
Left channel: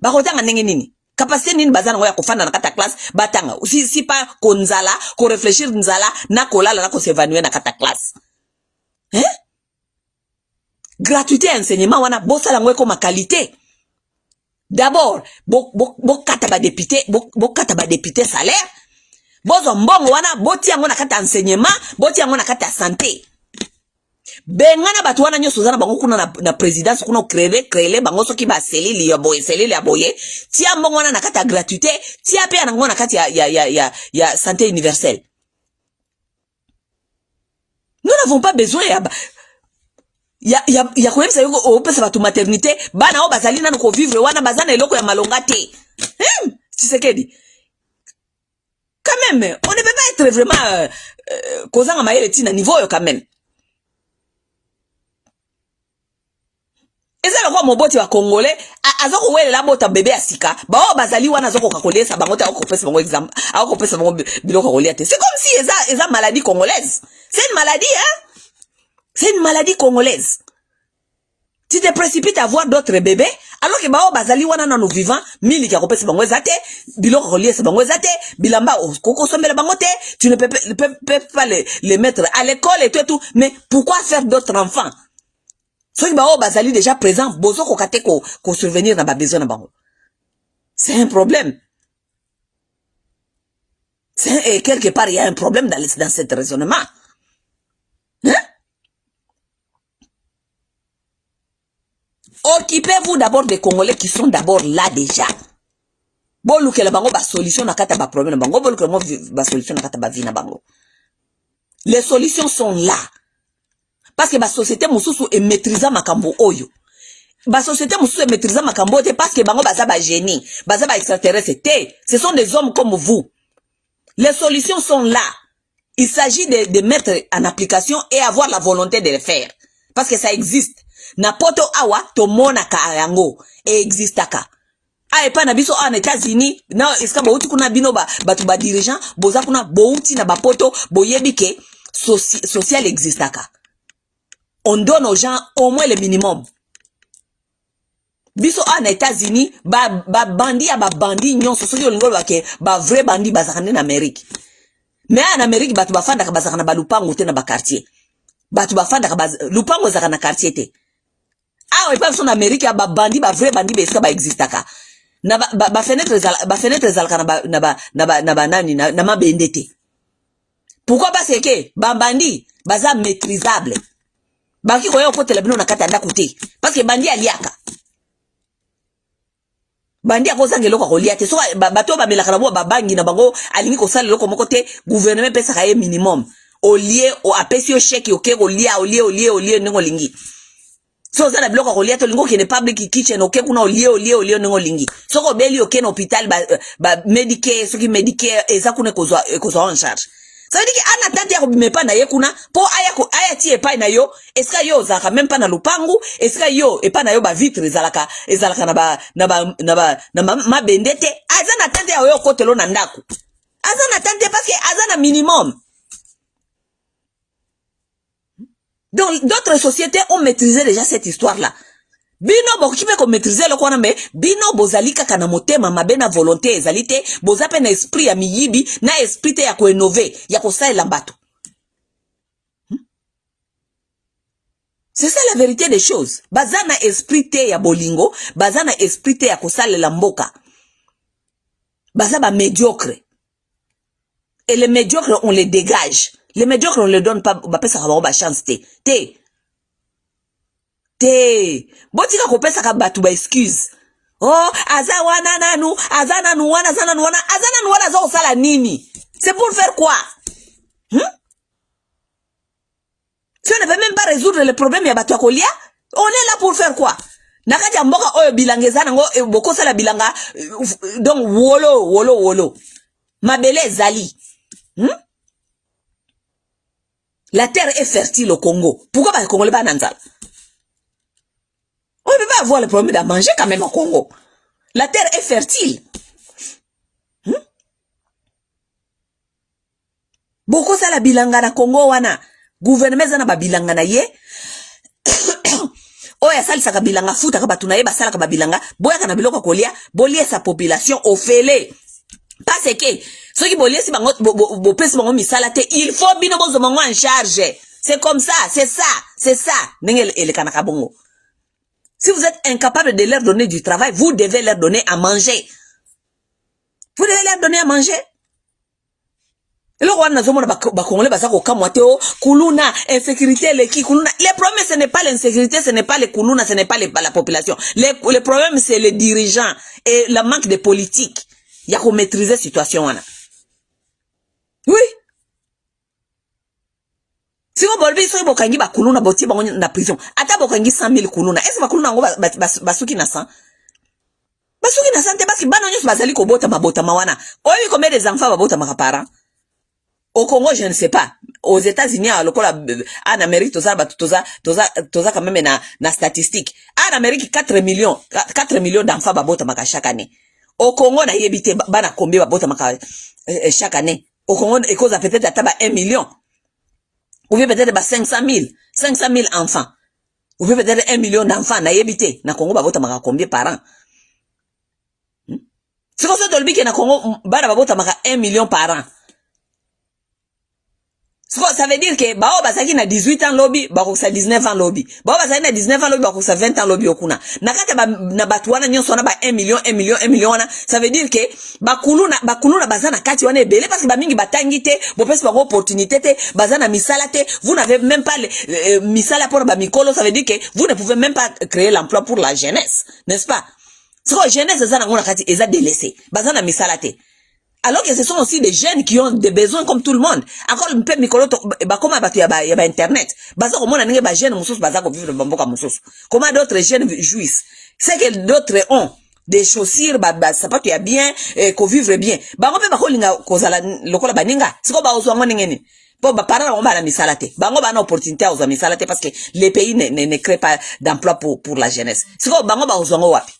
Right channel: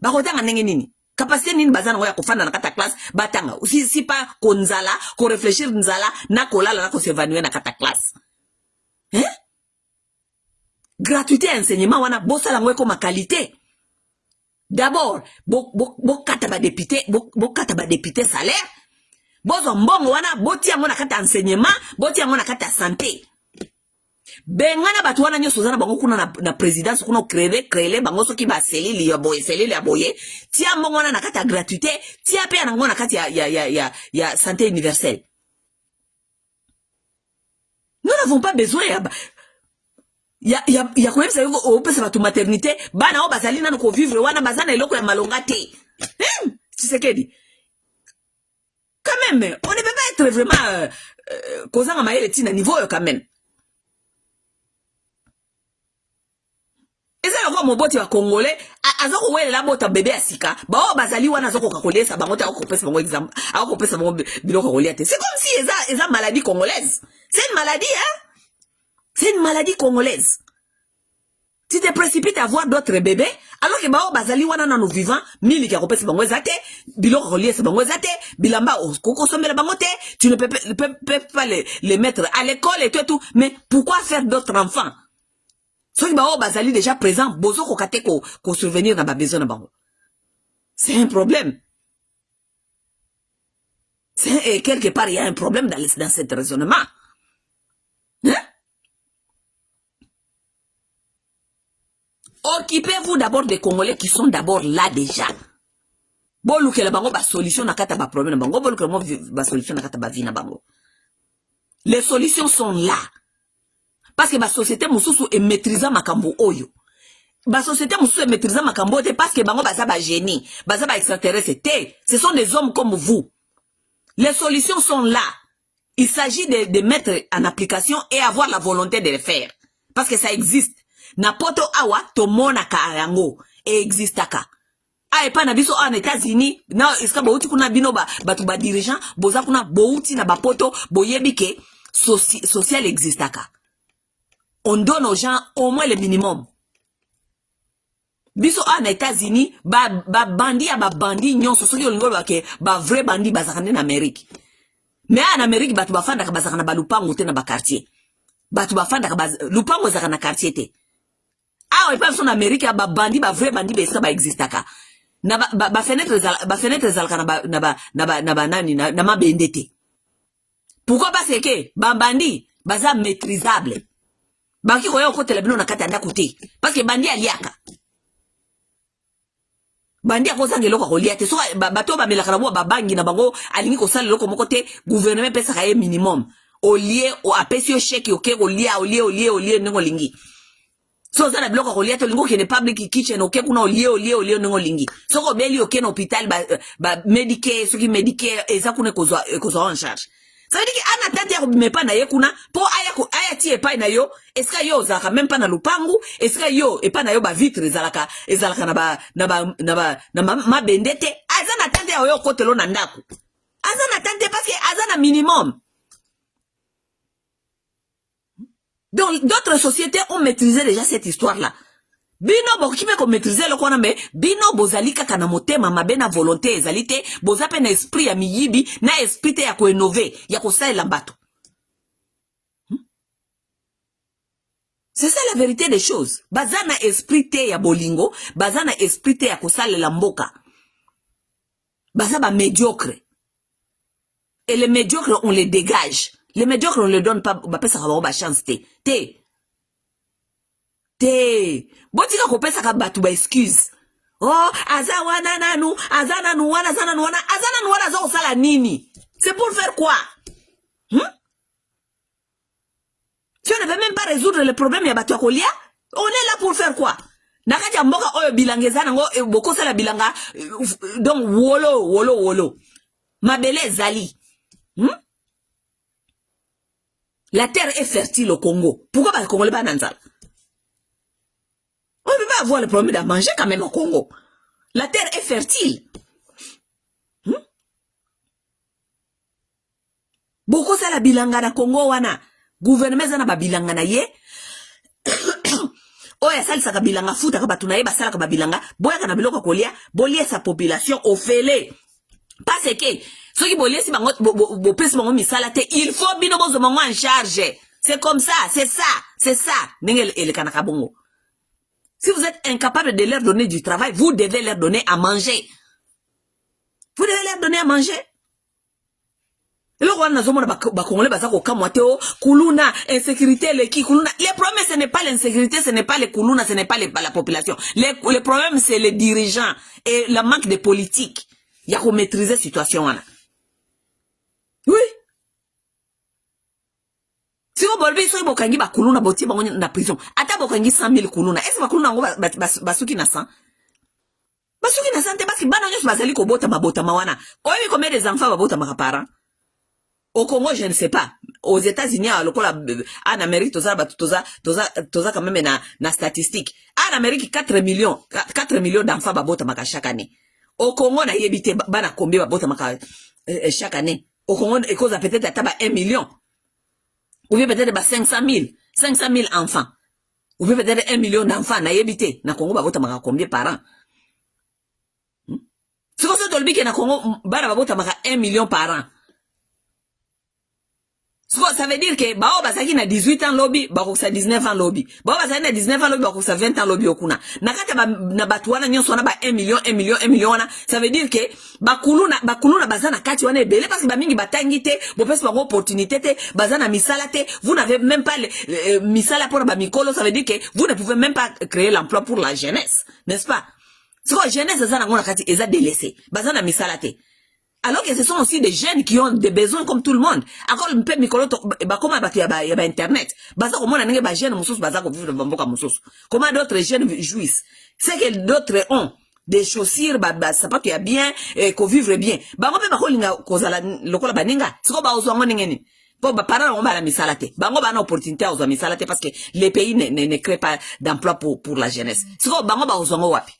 bakotanga ndenge nini? Capacité nini bazana ngoya kofanda na kata classe batanga si pas konzala ko réfléchir nzala na kolala na ko s'évanouir na kata classe. Hein? Gratuité enseignement wana bosala ngoya ko ma qualité. D'abord bo kata ba député salaire. Bozo mbongo wana boti yango na kata enseignement, boti yango na kata santé. Bengana batu wana nyoso zana bango kuna na présidence kuna créer bango soki ba selili ya boye tia mbongo wana na kata gratuité tia pe na ngona kata ya santé universelle. Nous n'avons pas besoin ya kuepesa yuko opesa batu maternité bana o bazali na ko vivre wana bazana eloko ya malonga te. Tu sais qu'elle dit quand même on ne peut pas être vraiment causant maïle tina niveau quand même. Eza kwa moboti wa Congolais azoko wele la bota bébé asika ba o bazali wana azoko kakolesa bango ta ko pesa bango exemple ako pesa bango biloko kolia te. C'est comme si eza maladie congolaise. C'est une maladie hein? C'est une maladie congolaise. Tu te précipites à avoir d'autres bébés, alors que bao bazali wana na nous vivants, mili ki akopesi bango ezate, biloko relié c'est bango ezate, bilamba koko sombela bango te, tu ne peux pas les mettre à l'école et tout, mais pourquoi faire d'autres enfants? Soki bao bazali déjà présent, bozo kokate ko survenir na ba besoin na bango. C'est un problème. Et quelque part, il y a un problème dans cet raisonnement. Hein? Occupez-vous d'abord des Congolais qui sont d'abord là déjà. Bon, que la bango ba solution na kata ba problème na bango, bon que mo ba solution na kata ba vie na bango. Les solutions sont là. Parce que la société mususu est maîtrisant makambo oyo. La société mususu est maîtrisant makambo te parce que bango baza ba génie, baza ba extraterrestre te. Ce sont des hommes comme vous. Les solutions sont là. Il s'agit de mettre en application et avoir la volonté de le faire. Parce que ça existe. Napoto awa tomona ka yango e existe ka. Ah pas na biso en États-Unis, na eska bauti kuna bino batu ba dirigeant, boza kuna bauti na bapoto boyebi ke social existe ka. On donne aux gens au moins le minimum. Biso en États-Unis, bandi nyonso soki olingo ke ba vrai bandi bazakane na Amérique. Mais en Amérique batu bafanda ka bazakana ba lupango te na ba quartier. Batu bafanda ka lupango zakana quartier te. Ah, pas son Amérique, ba bandi, ba vrai bandi, ça ba existe ka. Na ba fenêtre zalka na ma bendete. Pourquoi parce que ba bandi, baza maîtrisable. Ba ki koyo ko telebino na kata nda kote. Parce que bandi aliaka. Bandi akoza ngeloko ko liate. So bato ba melaka na ba bangi na bango alingi ko sala loko moko te gouvernement pesa ka ye minimum. Au lieu au apesio chèque oké au lieu ngo lingi. So ça na biloko ko liato lingo kene public kitchen oké kuna lieu ngo lingi. So ko beli oké na hôpital ba médicare ce qui médicare eza kuna ko en charge. Ça veut dire que ana tante ya ko bimepa na ye kuna po aya ti epa na yo eska yo zaka même pas na lupangu eska yo epa na yo ba vitre ezalaka na ma bendete aza na tante ya yo kotelo na ndako. Aza na tante parce que aza na minimum. Donc, d'autres sociétés ont maîtrisé déjà cette histoire-là. Bino bokipe ko maîtriser le quoi mais bino bozali kaka na motema mabe na volonté ezalité bozape na esprit ya miyibi na esprit ya ko innover ya ko saela mbato. C'est ça la vérité des choses. Bazana esprit ya bolingo, bazana esprit ya ko saela mboka. Bazaba médiocre. Et les médiocres on les dégage. Les médiocres, on ne les donne pas, ça va avoir chance, te. Botika ko pesa ka batu ba excuse. Oh, azawana nanu, wana za osala nini? C'est pour faire quoi? Tu ne veux même pas résoudre le problème ya batu akolia? On est là pour faire quoi? Nakati ya mboka oyo bilangeza nango boko sala bilanga donc wolo. Mabele zali. La terre est fertile au Congo. Pourquoi pas le Congolais pas nanzal? On ne peut pas avoir le problème de manger quand même au Congo. La terre est fertile. Boko sa la bilanga na Congo wana. Gouvernement zana ba bilanga na ye. Oya sali sa bilanga futa ka batuna ye basala ka bilanga. Boya kana biloko kolia, bolie sa population ofele. Parce que ceux qui bolient si bo pèse bango misala te, il faut bino bozo bango en charge. C'est comme ça, c'est ça. Nengel ele kanaka bongo. Si vous êtes incapable de leur donner du travail, vous devez leur donner à manger. Vous devez leur donner à manger. Le problème ce n'est pas l'insécurité, ce n'est pas les kuluna, ce n'est pas la population. Le problème c'est les dirigeants et le manque de politique. Il y a qu'on maîtriser la situation. Oui. Si vous voulez, si vous voulez, kuluna boti na prison. Ata bokangi 100 000 kuluna. Est-ce que kuluna ngo basuki na 100? Basuki na 100 te parce que bana nyos bazali ko bota mabota mawana. Oyo combien des enfants babota makapara? Au Congo, je ne sais pas. Aux États-Unis, en Amérique, toza quand même na statistique. En Amérique, 4 millions d'enfants babota maka chaque année. Au Congo, na yebite bana combien babota maka chaque année. Au Congo, et cause peut-être à 1 million. Ou bien peut-être 500 000 enfants. ou peut-être 1 million d'enfants na yebite na Congo babota maka combien par an. C'est comme ça tolbi que na Congo bana babota maka 1 million par an. Ça veut dire que bao basaki na 18 ans lobby bako sa 19 ans lobby. Bao basaki na 19 ans lobby bako sa 20 ans lobby okuna. Na kata ba na batuana nyonso na ba 1 million 1 million 1 million wana, ça veut dire que bakuluna bazana kati wana ebele parce que ba mingi batangi te, bo pesi ba opportunité te, bazana misala te, vous n'avez même pas misala pour ba mikolo, ça veut dire que vous ne pouvez même pas créer l'emploi pour la jeunesse, n'est-ce pas? C'est quoi jeunesse ezana ngona kati eza délaissé, bazana misala te. Alors que ce sont aussi des jeunes qui ont des besoins comme tout le monde. Encore un peu mikolo comment y a internet. Baza comment on a jeunes musos baza ko vivre bamboka musos. Comment d'autres jeunes jouissent. C'est que d'autres ont des chaussures ça pas qu'il y a bien qu'on vivre bien. Bango pe bakolinga kozala lokola baninga. Siko ba ozo ngone ngene. Bon ba parents on ba la misalate. Bango ba na opportunité ozo misalate parce que les pays ne créent pas d'emploi pour la jeunesse. Siko bango ba ozo ngo wapi.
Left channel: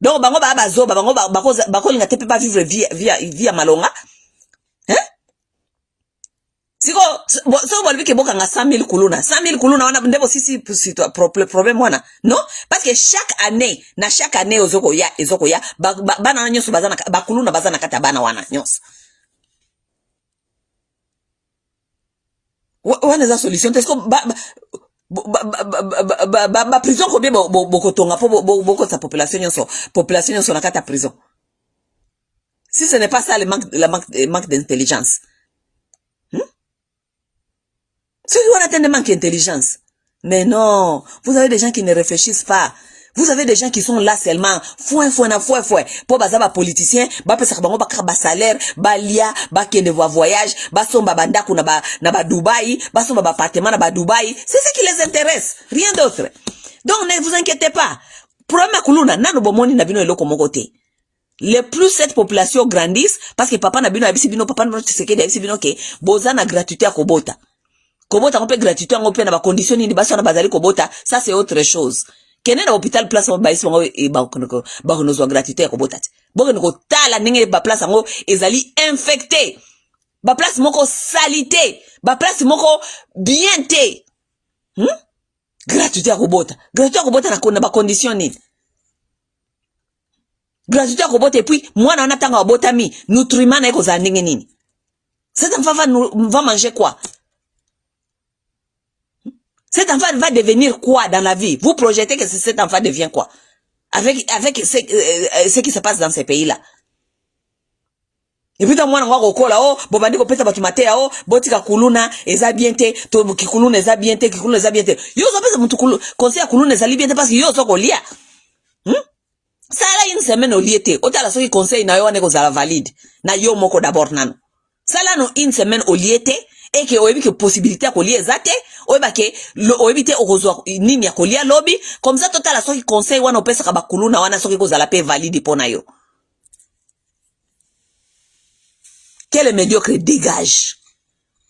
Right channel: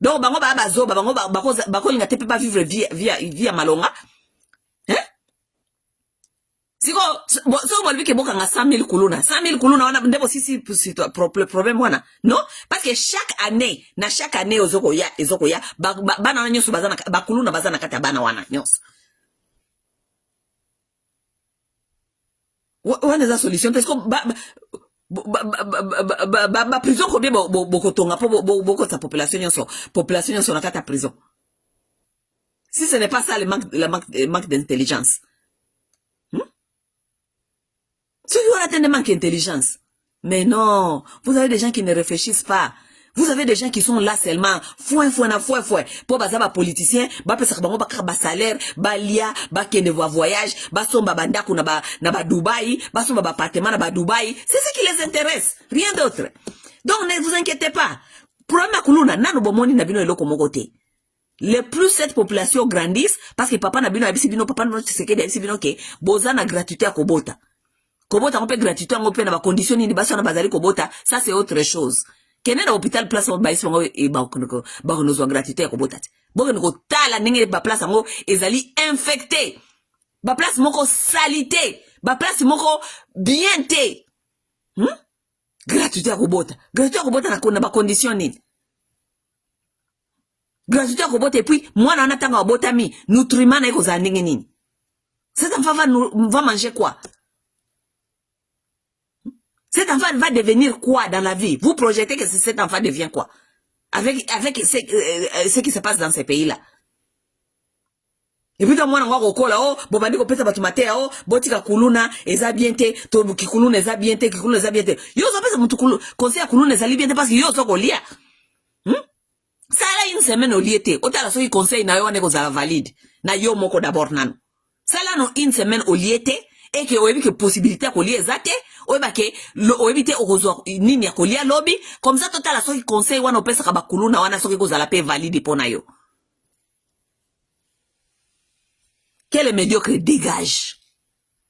Donc bango ba bazo bango bako linga tepe pas vivre via malonga. Hein? Siko so bolbi ke boka nga 100 000 kuluna. 100 000 kuluna wana ndebo sisi problème wana. Non? Parce que chaque année ozoko ya bana nyonso bazana bakuluna bazana kata bana wana nyonso. Wana za solution parce que prison combien bokotonga po sa population sur la carte prison. Si ce n'est pas ça le manque d'intelligence. Ceux qui ont atteint le manque d'intelligence. Mais non, vous avez des gens qui ne réfléchissent pas. Vous avez des gens qui sont là seulement fouin. Pour bazaba politicien, ba pesa bango ba salaire, ba lia, ba kende voyage, ba somba bandaku na ba Dubaï, ba somba ba appartement na ba Dubaï. C'est ce qui les intéresse, rien d'autre. Donc ne vous inquiétez pas. Problème kuluna nano bomoni na bino eloko mogote. Le plus cette population grandisse parce que papa na bino abisi bino papa no tsekedi abisi bino ke boza na gratuité à kobota. Kobota on peut gratuité on peut na ba condition ni basa na bazali kobota, ça c'est autre chose. Kene na hôpital place mo baisi mo e ba kono zo gratuité ya kobota. Boko ngo tala ninge ba place ngo ezali infecté. Ba place moko salité, ba place moko bien té. Gratuité ya kobota. Gratuité ya kobota na kona ba condition ni. Gratuité ya kobota et puis mwana anatanga obota mi, nutriments na eko za ndenge nini. Cet enfant va manger quoi? Cet enfant va devenir quoi dans la vie? Vous projetez que cet enfant devient quoi? Avec ce qui se passe dans ces pays-là. Et puis, moi, on va là, oh, bobandi ko pesa batu matea, oh, botika kuluna, eza biente, to kikuluna eza biente, kikuluna eza biente. Yo, ça pesa mutu conseil kuluna eza biente parce que yo, so ko lia. Ça là, une semaine au liete. Ota la so ki conseil na yo, neko zala valide. Na yo moko d'abord nano. Ça là, no, une semaine au liete. Et que oyebi que possibilité à coller zate oyeba ke oyebi te okozwa nini ya kolia lobby comme ça total soki conseil wana opesa ka bakuluna wana soki kozala pe valide pona yo. Quel médiocre dégage.